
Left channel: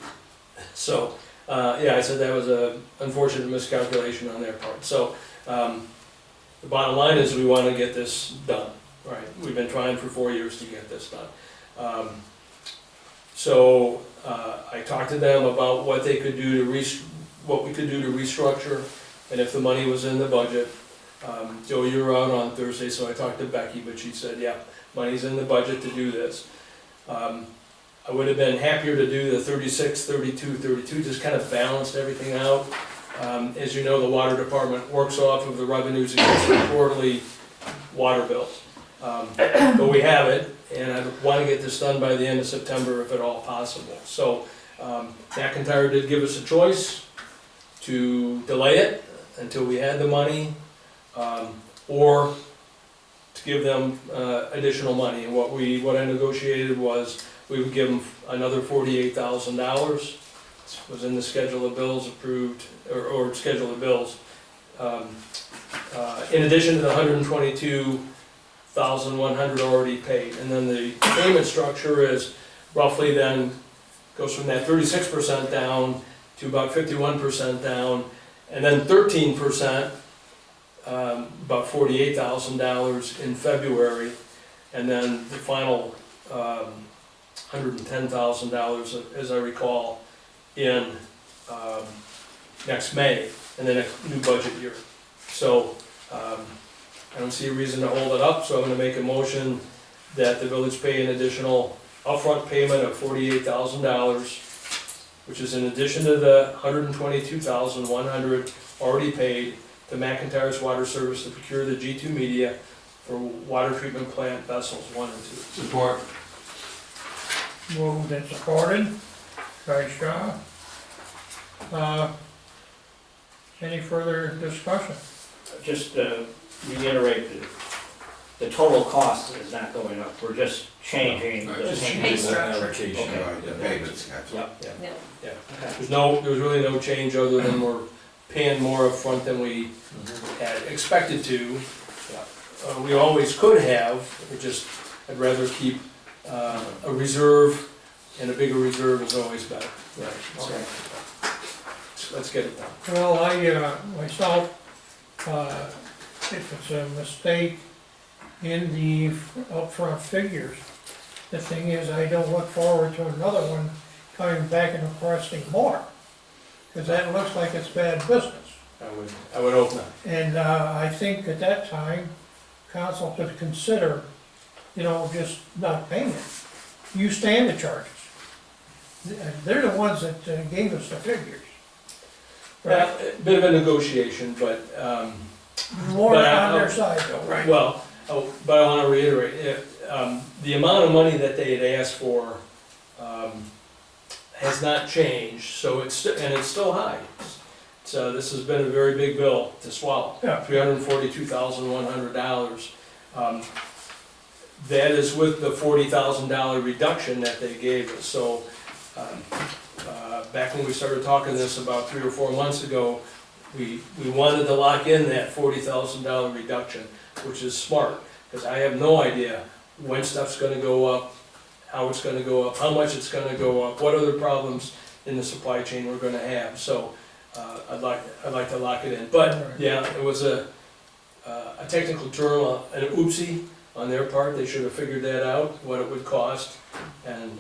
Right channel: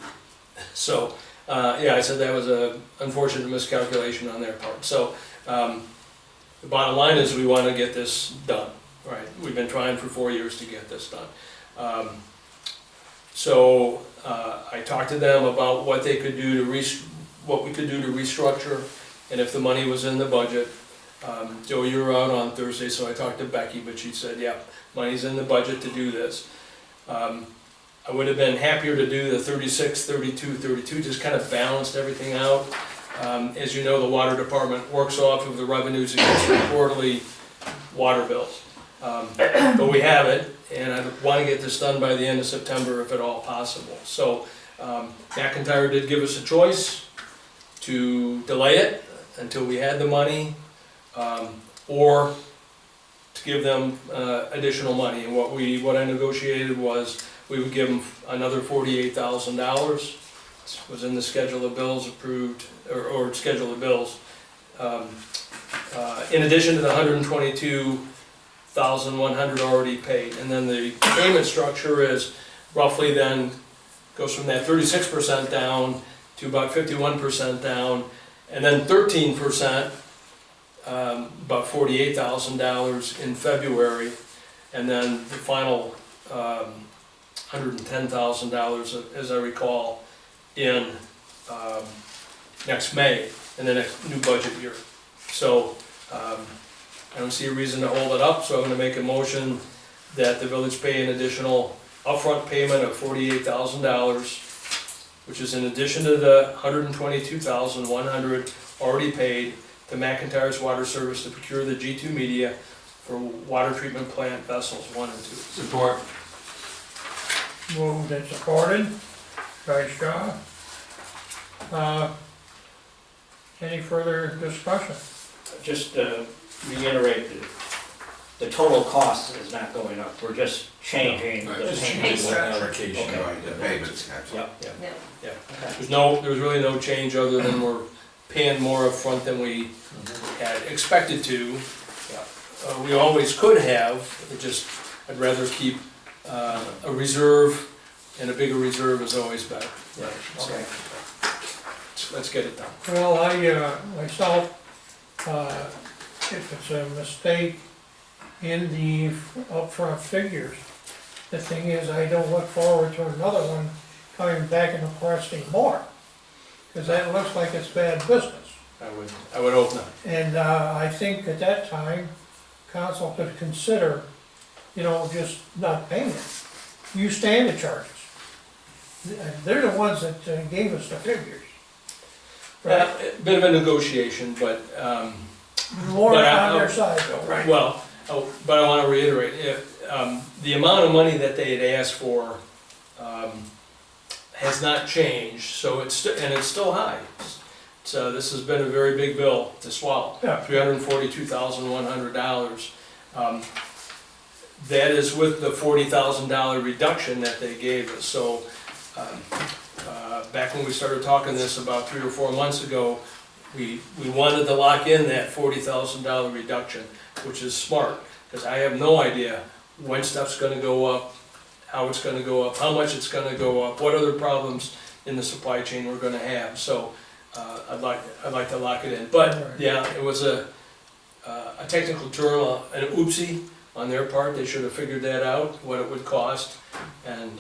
So, yeah, I said that was an unfortunate miscalculation on their part. So, the bottom line is we want to get this done, right? We've been trying for 4 years to get this done. So, I talked to them about what they could do to what we could do to restructure, and if the money was in the budget. Joe, you were out on Thursday, so I talked to Becky, but she said, yeah, money's in the budget to do this. I would have been happier to do the 36, 32, 32, just kind of balanced everything out. As you know, the water department works off of the revenues against the quarterly water bills. But we have it, and I want to get this done by the end of September if at all possible. So McIntyre did give us a choice to delay it until we had the money, or to give them additional money. And what I negotiated was we would give them another $48,000. Was in the schedule of bills approved, or schedule of bills. In addition to the $122,100 already paid. And then the payment structure is roughly then goes from that 36% down to about 51% down, and then 13%, about $48,000 in February, and then the final $110,000, as I recall, in next May, in the next new budget year. So I don't see a reason to hold it up, so I'm gonna make a motion that the village pay an additional upfront payment of $48,000, which is in addition to the $122,100 already paid to McIntyre's Water Service to procure the G2 media for water treatment plant vessels 1 and 2. Support. Moved and supported by Shaw. Any further discussion? Just to reiterate, the total cost is not going up, we're just changing No, the just payment. changing the allocation. Okay. Right, the payments, absolutely. Yep, Yeah. okay. There's really no change other than we're paying more upfront than we had expected to. We always could have, I'd rather keep a reserve, and a bigger reserve is always better. Right, okay. Let's get it done. Well, myself, if it's a mistake in the upfront figures, the thing is, I don't look forward to another one coming back and requesting more, because that looks like it's bad business. I would hope not. And I think at that time, council could consider, just not paying it. You stand the charges. They're the ones that gave us the figures. Right? A bit of a negotiation, but, More But on their side though, right? but I wanna reiterate, the amount of money that they had asked for, has not changed, so it's still high. So this has been a very big bill to swallow. Yeah. $342,100. That is with the $40,000 reduction that they gave us, so, back when we started talking this about 3 or 4 months ago, we wanted to lock in that $40,000 reduction, which is smart, because I have no idea when stuff's gonna go up, how it's gonna go up, how much it's gonna go up, what other problems in the supply chain we're gonna have, so, I'd like to lock it in, but, yeah, it was a technical term, an oopsie on their part, they should have figured that out, what it would cost, and,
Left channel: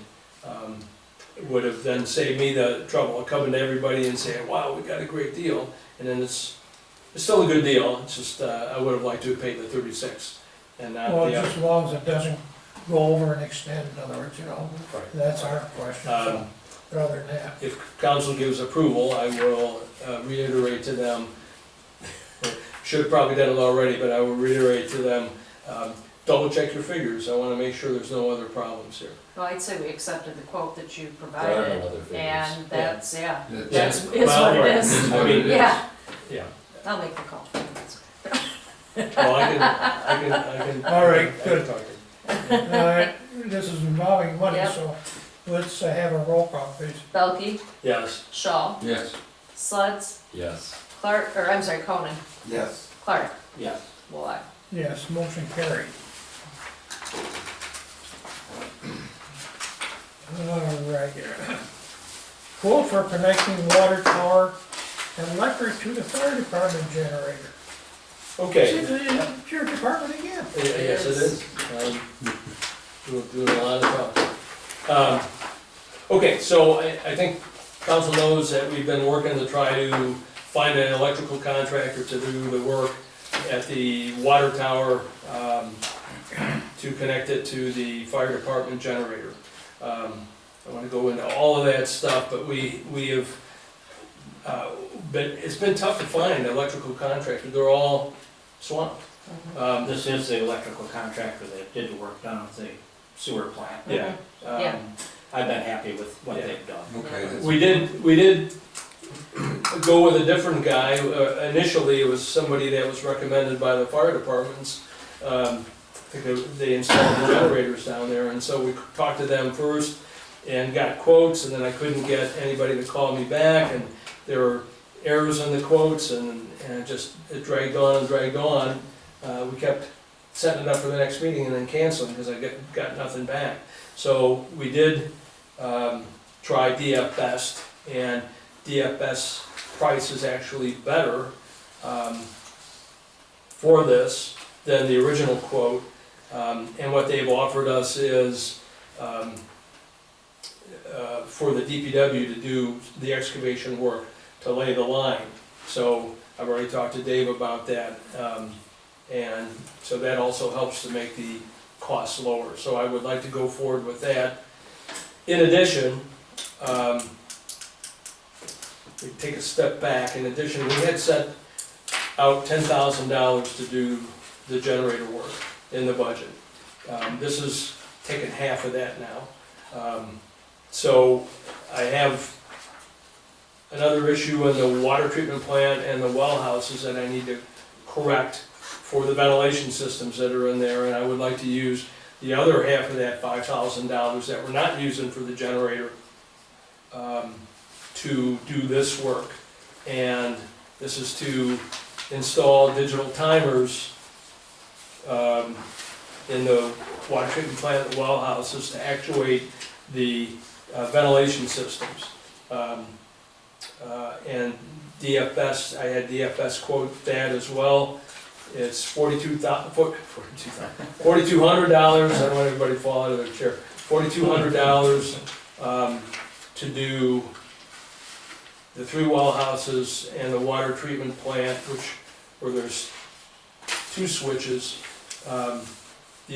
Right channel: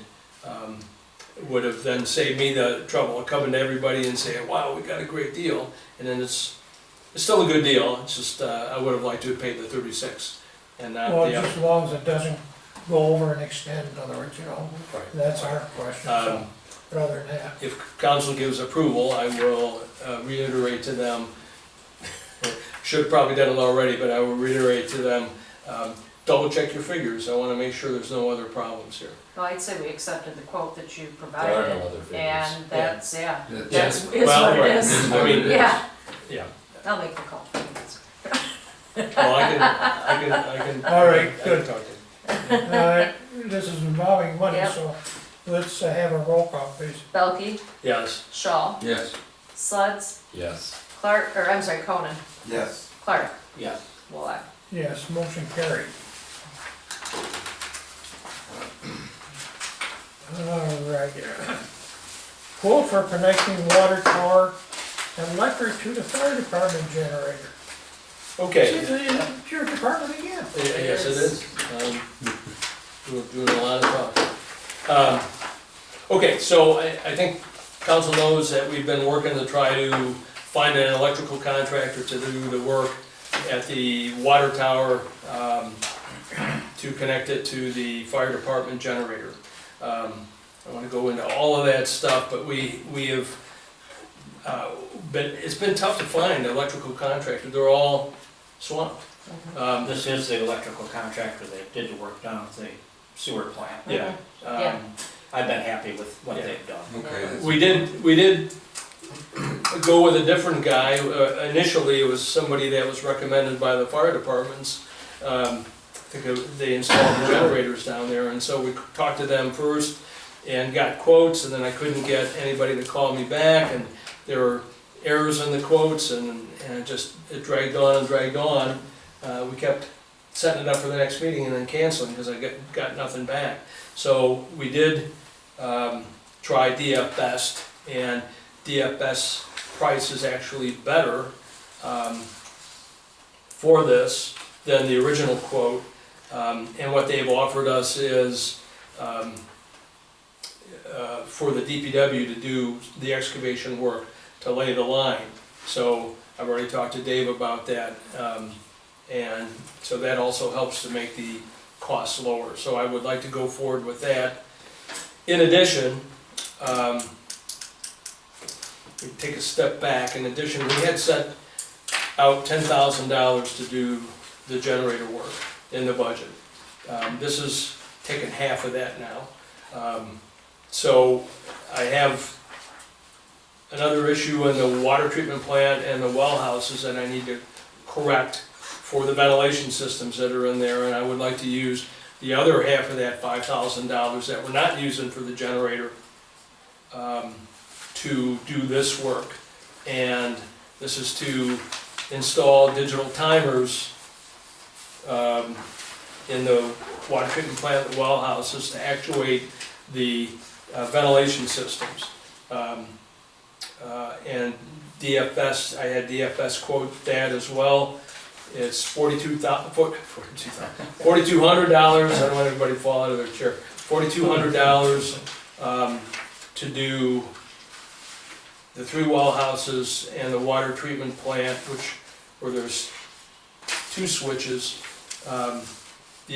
it would have then saved me the trouble of coming to everybody and saying, wow, we got a great deal, and then it's still a good deal, it's just, I would have liked to have paid the 36, and not Well, the just other. as long as it doesn't go over and extend, in other words, Right. that's our question, so, but other than that. If council gives approval, I will reiterate to them, should have probably done it already, but I will reiterate to them, double check your figures, I wanna make sure there's no other problems here. Well, I'd say we accepted the quote that you There are provided, no other figures. and that's, yeah, That's- that's, is Well, what it right. is. I mean, Yeah, yeah, I'll make the call. well, I can. All right, I can good. talk to you. Alright, this is involving money, Yep. so let's have a roll call, please. Belkey, Yes, Shaw, Yes. Suds, Yes. Clark, or I'm sorry, Conan, Yes. Clark, Yes. Wallach. Yes, motion carried. Alright. Quote for connecting water tower and electric to the fire department generator. See, okay, it's your department again. yes, it is, doing a lot of talking. Okay, so I think council knows that we've been working to try to find an electrical contractor to do the work at the water tower, to connect it to the fire department generator. I wanna go into all of that stuff, but we have, it's been tough to find an electrical contractor, they're all swamped. This is the electrical contractor that did the work down at the sewer plant. Yeah. Yeah. I've been happy with what Yeah. they've done. Okay. We did go with a different guy. Initially, it was somebody that was recommended by the fire departments. I think they installed the generators down there, and so we talked to them first and got quotes, and then I couldn't get anybody to call me back, and there were errors in the quotes, and it dragged on and dragged on. We kept setting it up for the next meeting and then canceling, because I got nothing back. So we did try DF Best, and DF Best's price is actually better for this than the original quote. And what they've offered us is for the DPW to do the excavation work, to lay the line. So I've already talked to Dave about that, and so that also helps to make the costs lower. So I would like to go forward with that. In addition, we take a step back, in addition, we had set out $10,000 to do the generator work in the budget. This is taking half of that now. So I have another issue in the water treatment plant and the well houses that I need to correct for the ventilation systems that are in there, and I would like to use the other half of that $5,000 that we're not using for the generator to do this work. And this is to install digital timers in the water treatment plant, the well houses, to actuate the ventilation systems. And DFS, I had DFS quote that as well. It's $4,200, I don't want everybody to fall out of their chair. $4,200 to do the 3 well houses and the water treatment plant, where there's 2 switches. The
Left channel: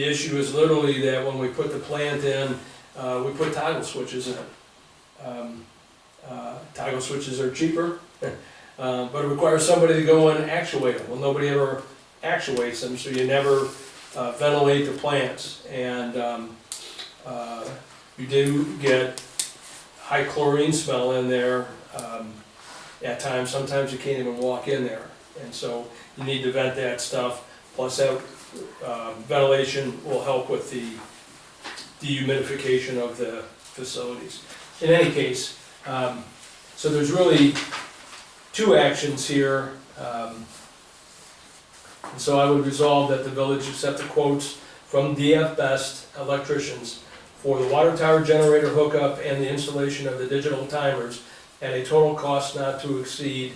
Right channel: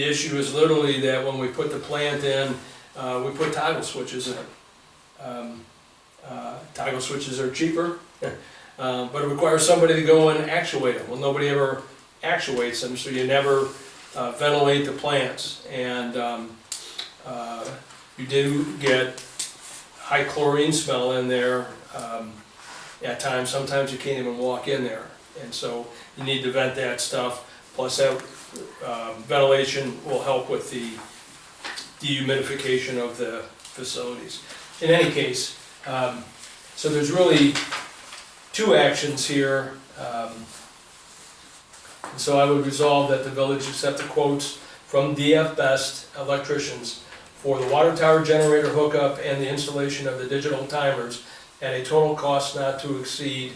issue is literally that when we put the plant in, we put toggle switches in. Toggle switches are cheaper, but it requires somebody to go and actuate them. Well, nobody ever actuates them, so you never ventilate the plants. And you do get high chlorine smell in there at times. Sometimes you can't even walk in there. And so you need to vent that stuff. Plus that ventilation will help with the dehumidification of the facilities. In any case, so there's really 2 actions here. And so I would resolve that the village accept the quotes from DF Best electricians for the water tower generator hookup and the installation of the digital timers at a total cost not to exceed,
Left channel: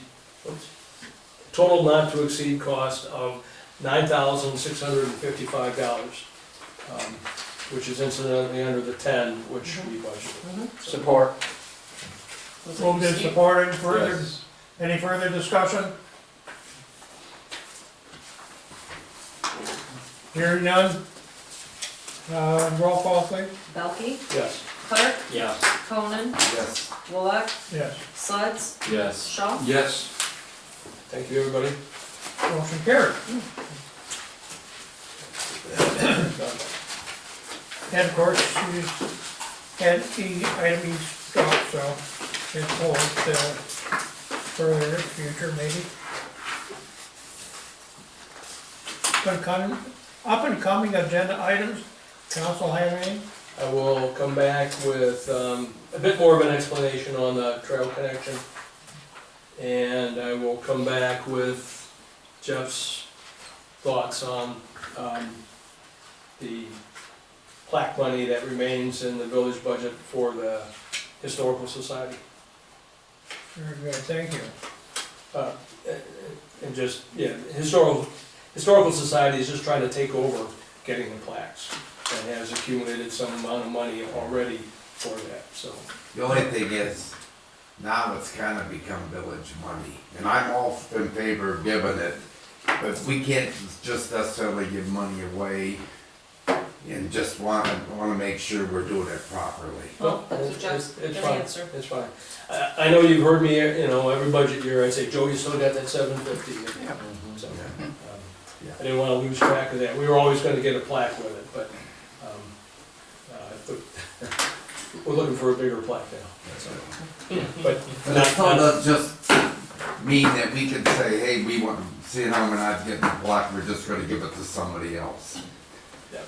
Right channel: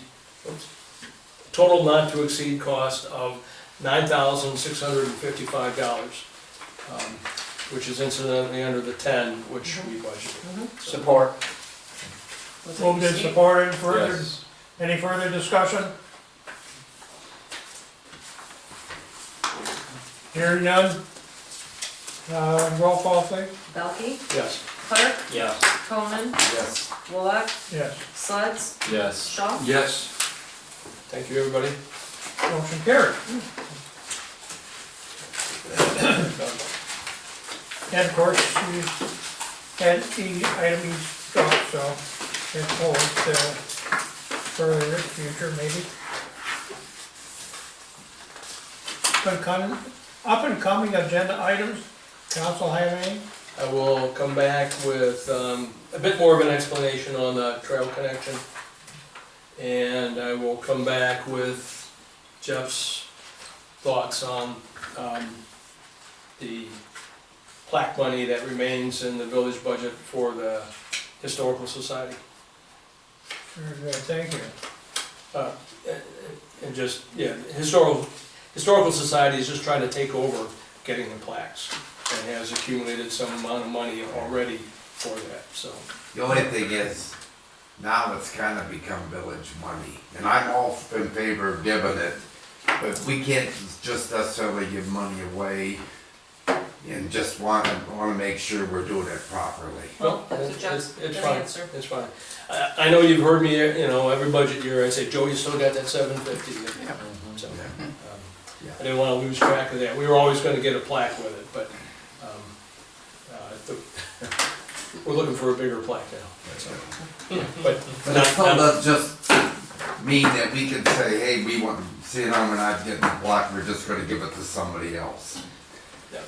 total not to exceed cost of $9,655, which is incidentally under the 10, which we budgeted. Support. Was it Moved and Steve? supported, further, Yes. any further discussion? Hearing none. Roll call, please. Belkey, Yes. Clark, Yeah. Conan, Yes. Bullock, Yes. Suds, Yes. Shaw. Yes. Thank you, everybody. Motion carried. And of course, you had the item you struck, so it's forward further in the future, maybe. Up and coming agenda items, council have any? I will come back with a bit more of an explanation on the trail connection. And I will come back with Jeff's thoughts on the plaque money that remains in the village budget for the Historical Society. Very good, thank you. And just, yeah, Historical Society is just trying to take over getting the plaques and has accumulated some amount of money already for that, so. The only thing is, now it's kind of become village money, and I'm all in favor of giving it, but we can't just necessarily give money away and just wanna make sure we're doing it properly. Well, that's what Jeff's It's gonna fine. answer. It's fine. I know you've heard me, every budget year, I say, Joe, you still got that $750. So, Yeah. I didn't wanna lose track of that. We were always gonna get a plaque with it, but, we're looking for a bigger plaque now, that's all. But But it still does just mean that we can say, hey, we want, seeing how we're not getting the block, we're just gonna give it to somebody else, yeah.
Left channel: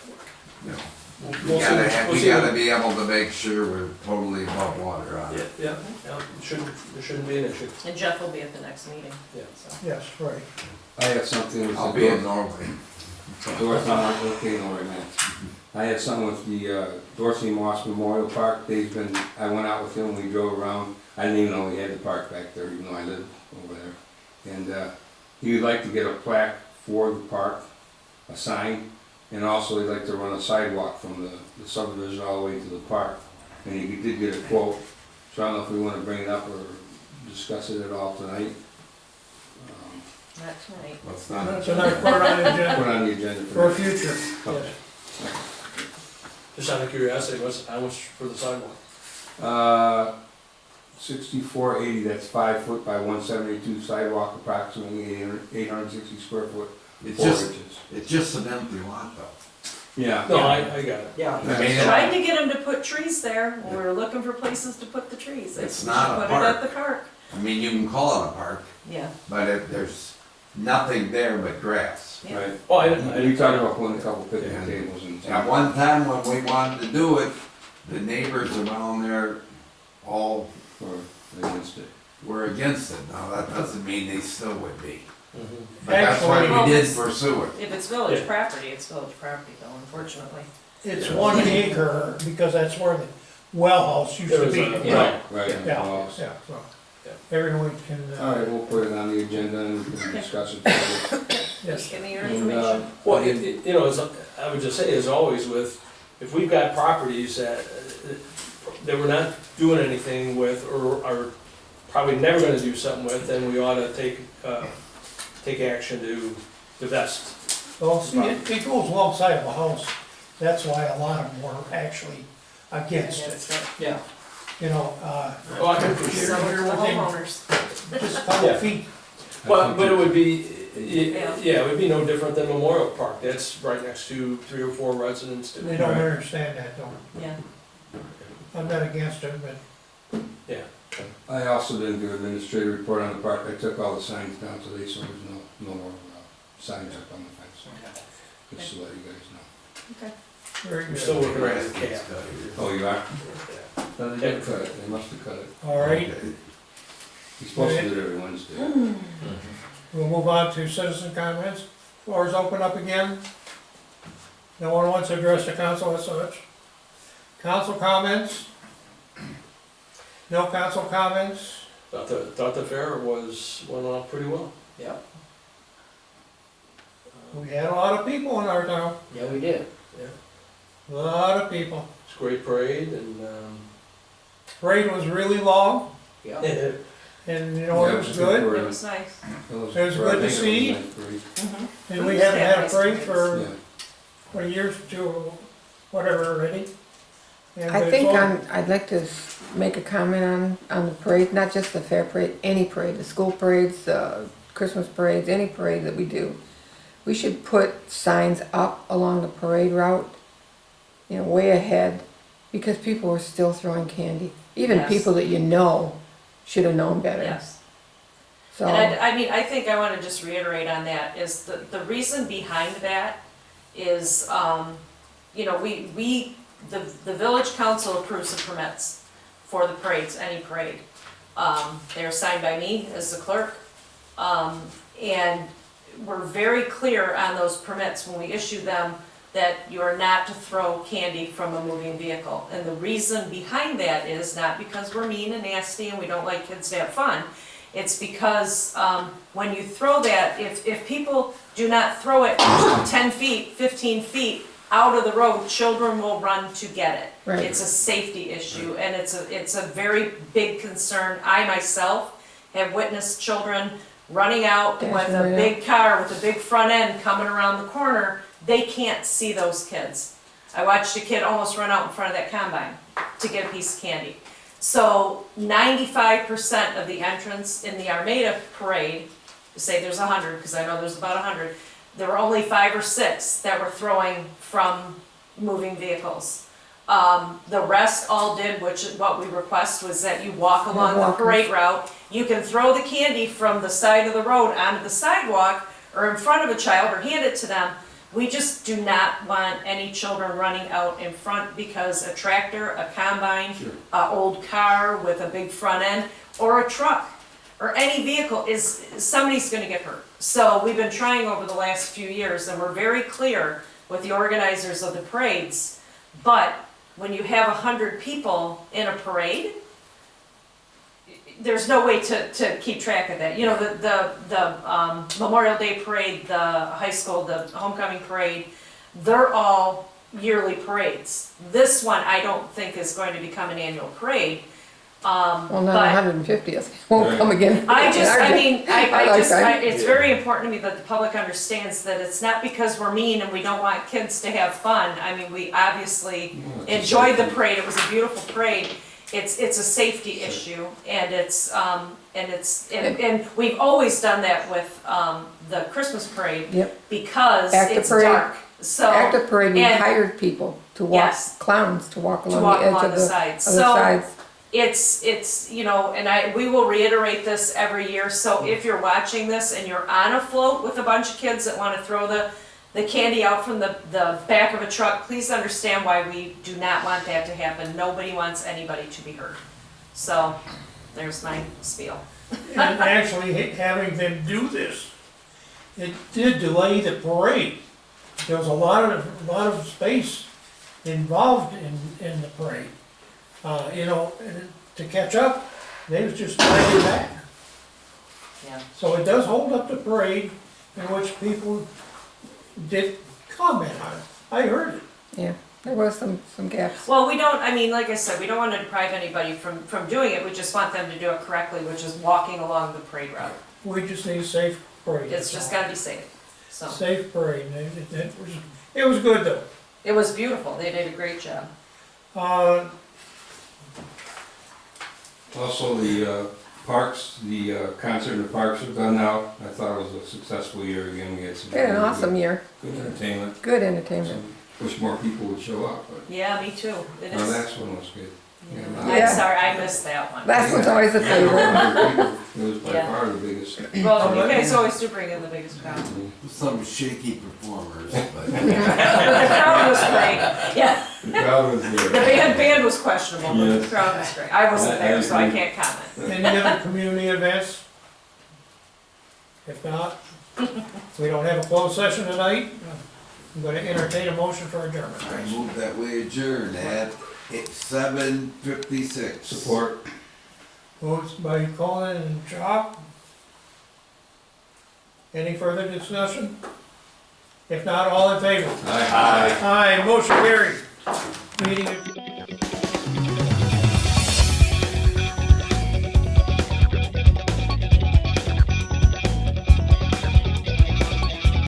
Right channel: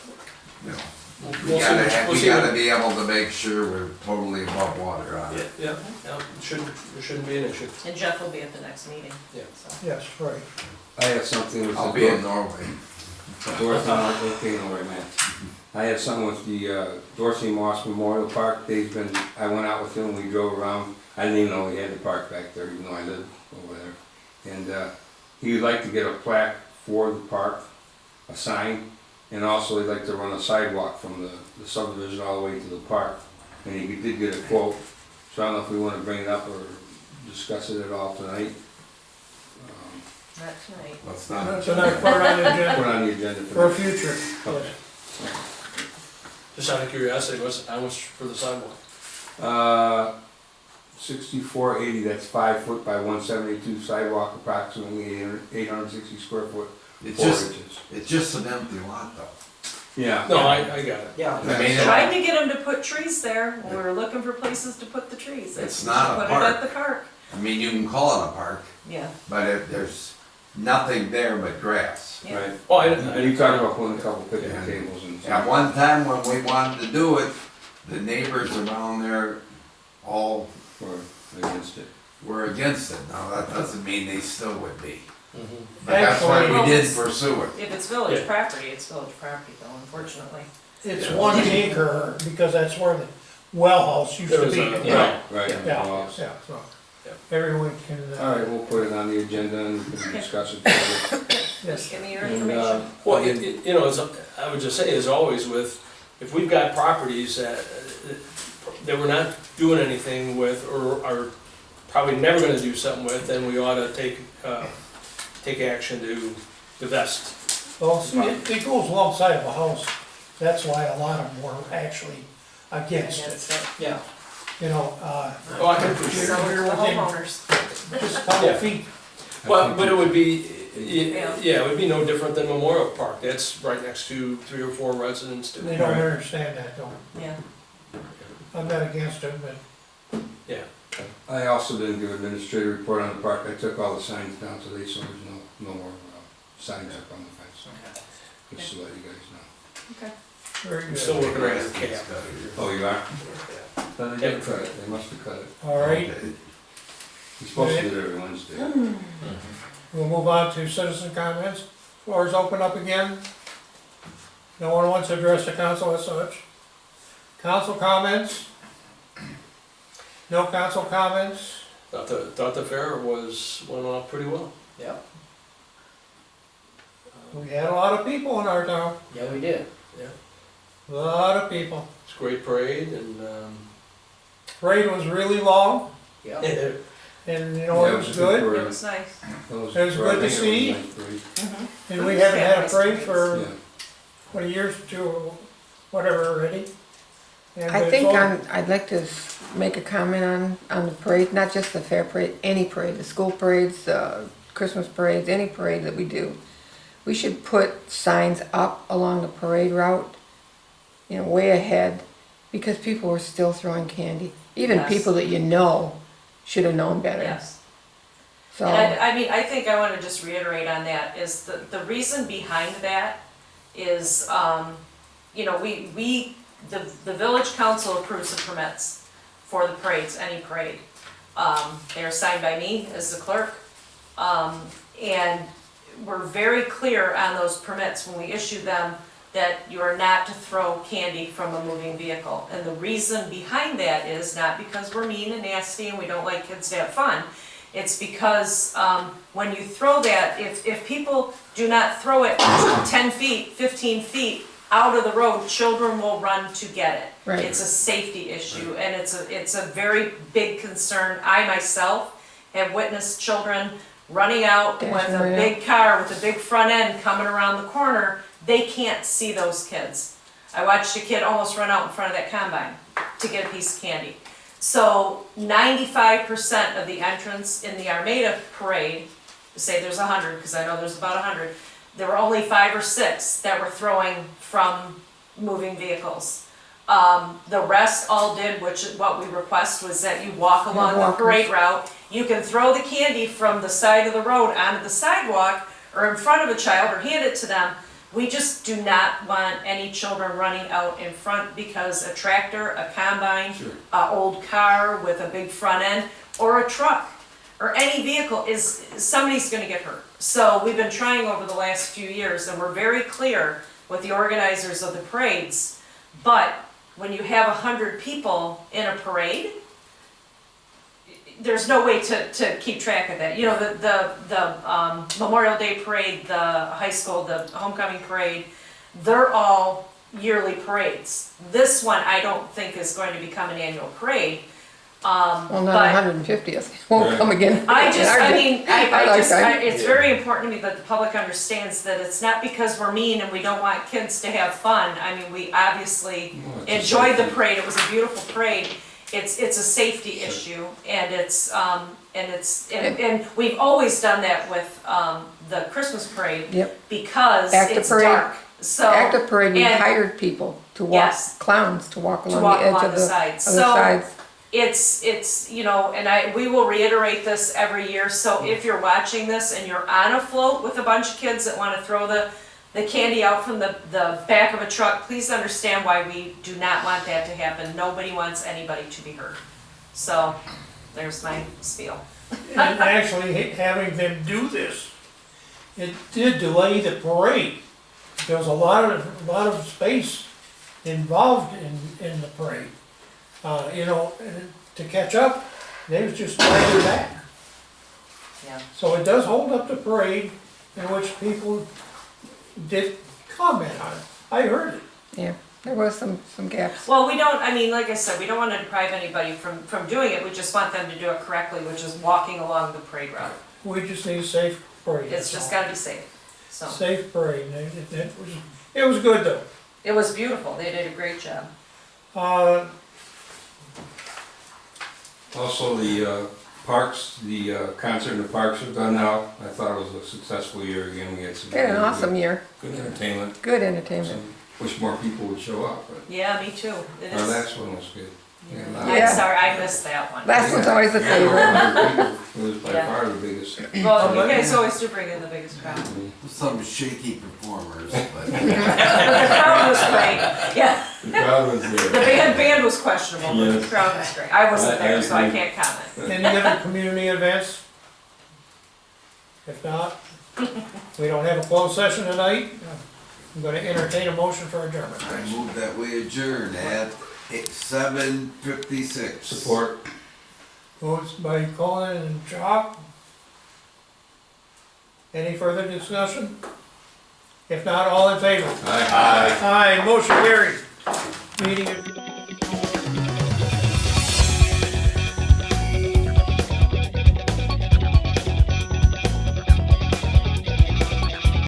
you know. We'll We see- we'll we see gotta what- be able to make sure we're totally above water on it. Yeah, it shouldn't be an issue, And Jeff will be at the next meeting, yeah. so. Yes, right. I have something with I'll the be in Norway. Dorothy, okay, no, wait a minute. I have something with the Dorsey Moss Memorial Park. I went out with him, we drove around. I didn't even know he had the park back there, even though I live over there. And he would like to get a plaque for the park, a sign, and also he'd like to run a sidewalk from the subdivision all the way to the park. And he did get a quote, so I don't know if we want to bring it up or discuss it at all tonight. Not tonight. Let's not. That's another part on the Put agenda on the agenda for for future. Okay. Yes. Just out of curiosity, how much for the sidewalk? 6480, that's 5 foot by 172 sidewalk, approximately 860 square foot, It's 4 just, inches. it's just an empty lot though. Yeah. No, I got it. Yeah. I mean, Tried to get him to put trees there, when we were looking for places to put the trees. They It's should not a Put it park. at the park, I mean, you can call it a park, yeah, but there's nothing there but grass. yeah. Right. Oh, We talked about putting a couple picnic Yeah. tables and At one time when we wanted to do it, the neighbors around there all or against it. were against it. Now, that doesn't mean they still would be. Mhm. But that's why Actually- we did pursue it. If it's village Yeah. property, it's village property though, unfortunately. It's 1 acre, because that's where the well house used There to was be. a- Yeah. Right. Yeah, Well, yeah, so Yeah. everyone can, all right, we'll put it on the agenda and we can discuss it further. Just yes, give me your And, information. Well, I would just say, as always, if we've got properties that we're not doing anything with, or are probably never gonna do something with, then we ought to take action to divest. well, see, it goes alongside of a house, that's why a lot of them were actually against Against it. it. Yeah. You know, Oh, I can appreciate Sell it you're to the within homeowners. just a couple Yeah. feet. Well, but it would be, Yeah. yeah, it would be no different than Memorial Park, that's right next to 3 or 4 residents too. They don't understand that, though. Yeah, I'm not against it, but I also didn't do an administrative report on the park. I took all the signs down today, so there's no more signs up on the fence. Just to let you guys know. okay. very We're still good. working on the cap. Oh, you are? Yeah. Then they didn't cut it. They must have cut it. All right, Okay. You're supposed to do it every Wednesday. we'll move on to citizen comments. Floor is open up again. No one wants to address the council as such. Council comments? No council comments? Thought the fair went off pretty well. Yeah, We had a lot of people in our town, yeah, we did. a lot of people. It's a great parade and, Parade was really long, Yeah. and you know, it was good, It was nice. It was good to see. Mhm. and we haven't had a parade Yeah. for, what, a year or two, whatever already. And I but it's think all- I'd like to make a comment on the parade, not just the fair parade, any parade, the school parades, Christmas parades, any parade that we do. We should put signs up along the parade route, you know, way ahead, because people were still throwing candy. Even Yes. people that you know should have known better. Yes. So, And I mean, I think I wanna just reiterate on that, is the reason behind that is, you know, the village council approves the permits for the parades, any parade. They are signed by me as the clerk. And we're very clear on those permits when we issue them, that you are not to throw candy from a moving vehicle. And the reason behind that is not because we're mean and nasty and we don't like kids to have fun. It's because, when you throw that, if people do not throw it 10 feet, 15 feet out of the road, children will run to get it. Right. It's a safety issue, and it's a very big concern. I myself have witnessed children running out with Dashing a right big car with a big front end coming around the corner. They can't see those kids. I watched a kid almost run out in front of that combine to get a piece of candy. So 95% of the entrants in the Armada parade, say there's 100, because I know there's about 100, there were only 5 or 6 that were throwing from moving vehicles. The rest all did, what we request was that you walk along the walkers. parade route. You can throw the candy from the side of the road onto the sidewalk or in front of a child or hand it to them. We just do not want any children running out in front because a tractor, a combine, a old car with a big front end, or a truck, or any vehicle somebody's gonna get hurt. So we've been trying over the last few years, and we're very clear with the organizers of the parades, but when you have 100 people in a parade, there's no way to keep track of that. You know, the Memorial Day parade, the high school, the homecoming parade, they're all yearly parades. This one, I don't think is going to become an annual parade. well, not but 150th, won't come again. it's very important to me that the public understands that it's not because we're mean and we don't want kids to have fun. I mean, we obviously enjoyed the parade, it was a beautiful parade. It's a safety issue, and and we've always done that with, the Christmas parade. Yep. Because At the it's parade- dark, so. At the parade, we and- hired people to walk, Yes. clowns to walk To along walk the edge along of the the sides. other So- sides. It's, you know, and we will reiterate this every year, so if you're watching this and you're on a float with a bunch of kids that wanna throw the candy out from the back of a truck, please understand why we do not want that to happen. Nobody wants anybody to be hurt. So, there's my spiel. And actually having them do this, it did delay the parade. There was a lot of space involved in the parade. You know, and to catch up, they was just dragging back. Yeah. So it does hold up the parade, in which people did comment on it. I heard it. Yeah, there was some gaps. Well, we don't, I mean, like I said, we don't wanna deprive anybody from doing it, we just want them to do it correctly, which is walking along the parade route. We just need safe parade. It's just gotta be safe, so. Safe parade. It was good though. It was beautiful, they did a great job. Also, the parks, the concert in the parks are done now. I thought it was a successful year again. We had some. We had an awesome year, Good entertainment. good entertainment. Some- Wish more people would show up, but Yeah, me too, it our is. last one was good. I'm Yeah. sorry, I missed that one. Last one's always a favorite. 100 people. It was by Yeah. far the biggest. Well, you guys always do bring in the biggest crowd. Some shaky performers, but. But the crowd was great, yeah. The crowd was The there. band was questionable, but the Yes. crowd was great. I wasn't I there, so I agree. can't comment. Any other community events? If not, we don't have a closed session tonight. I'm gonna entertain a motion for adjournment. I move that we adjourn at 7:56. Support. Moved by Conan and Chop. Any further discussion? If not, all in favor? Aye. Aye, motion carried. Meeting adjourned.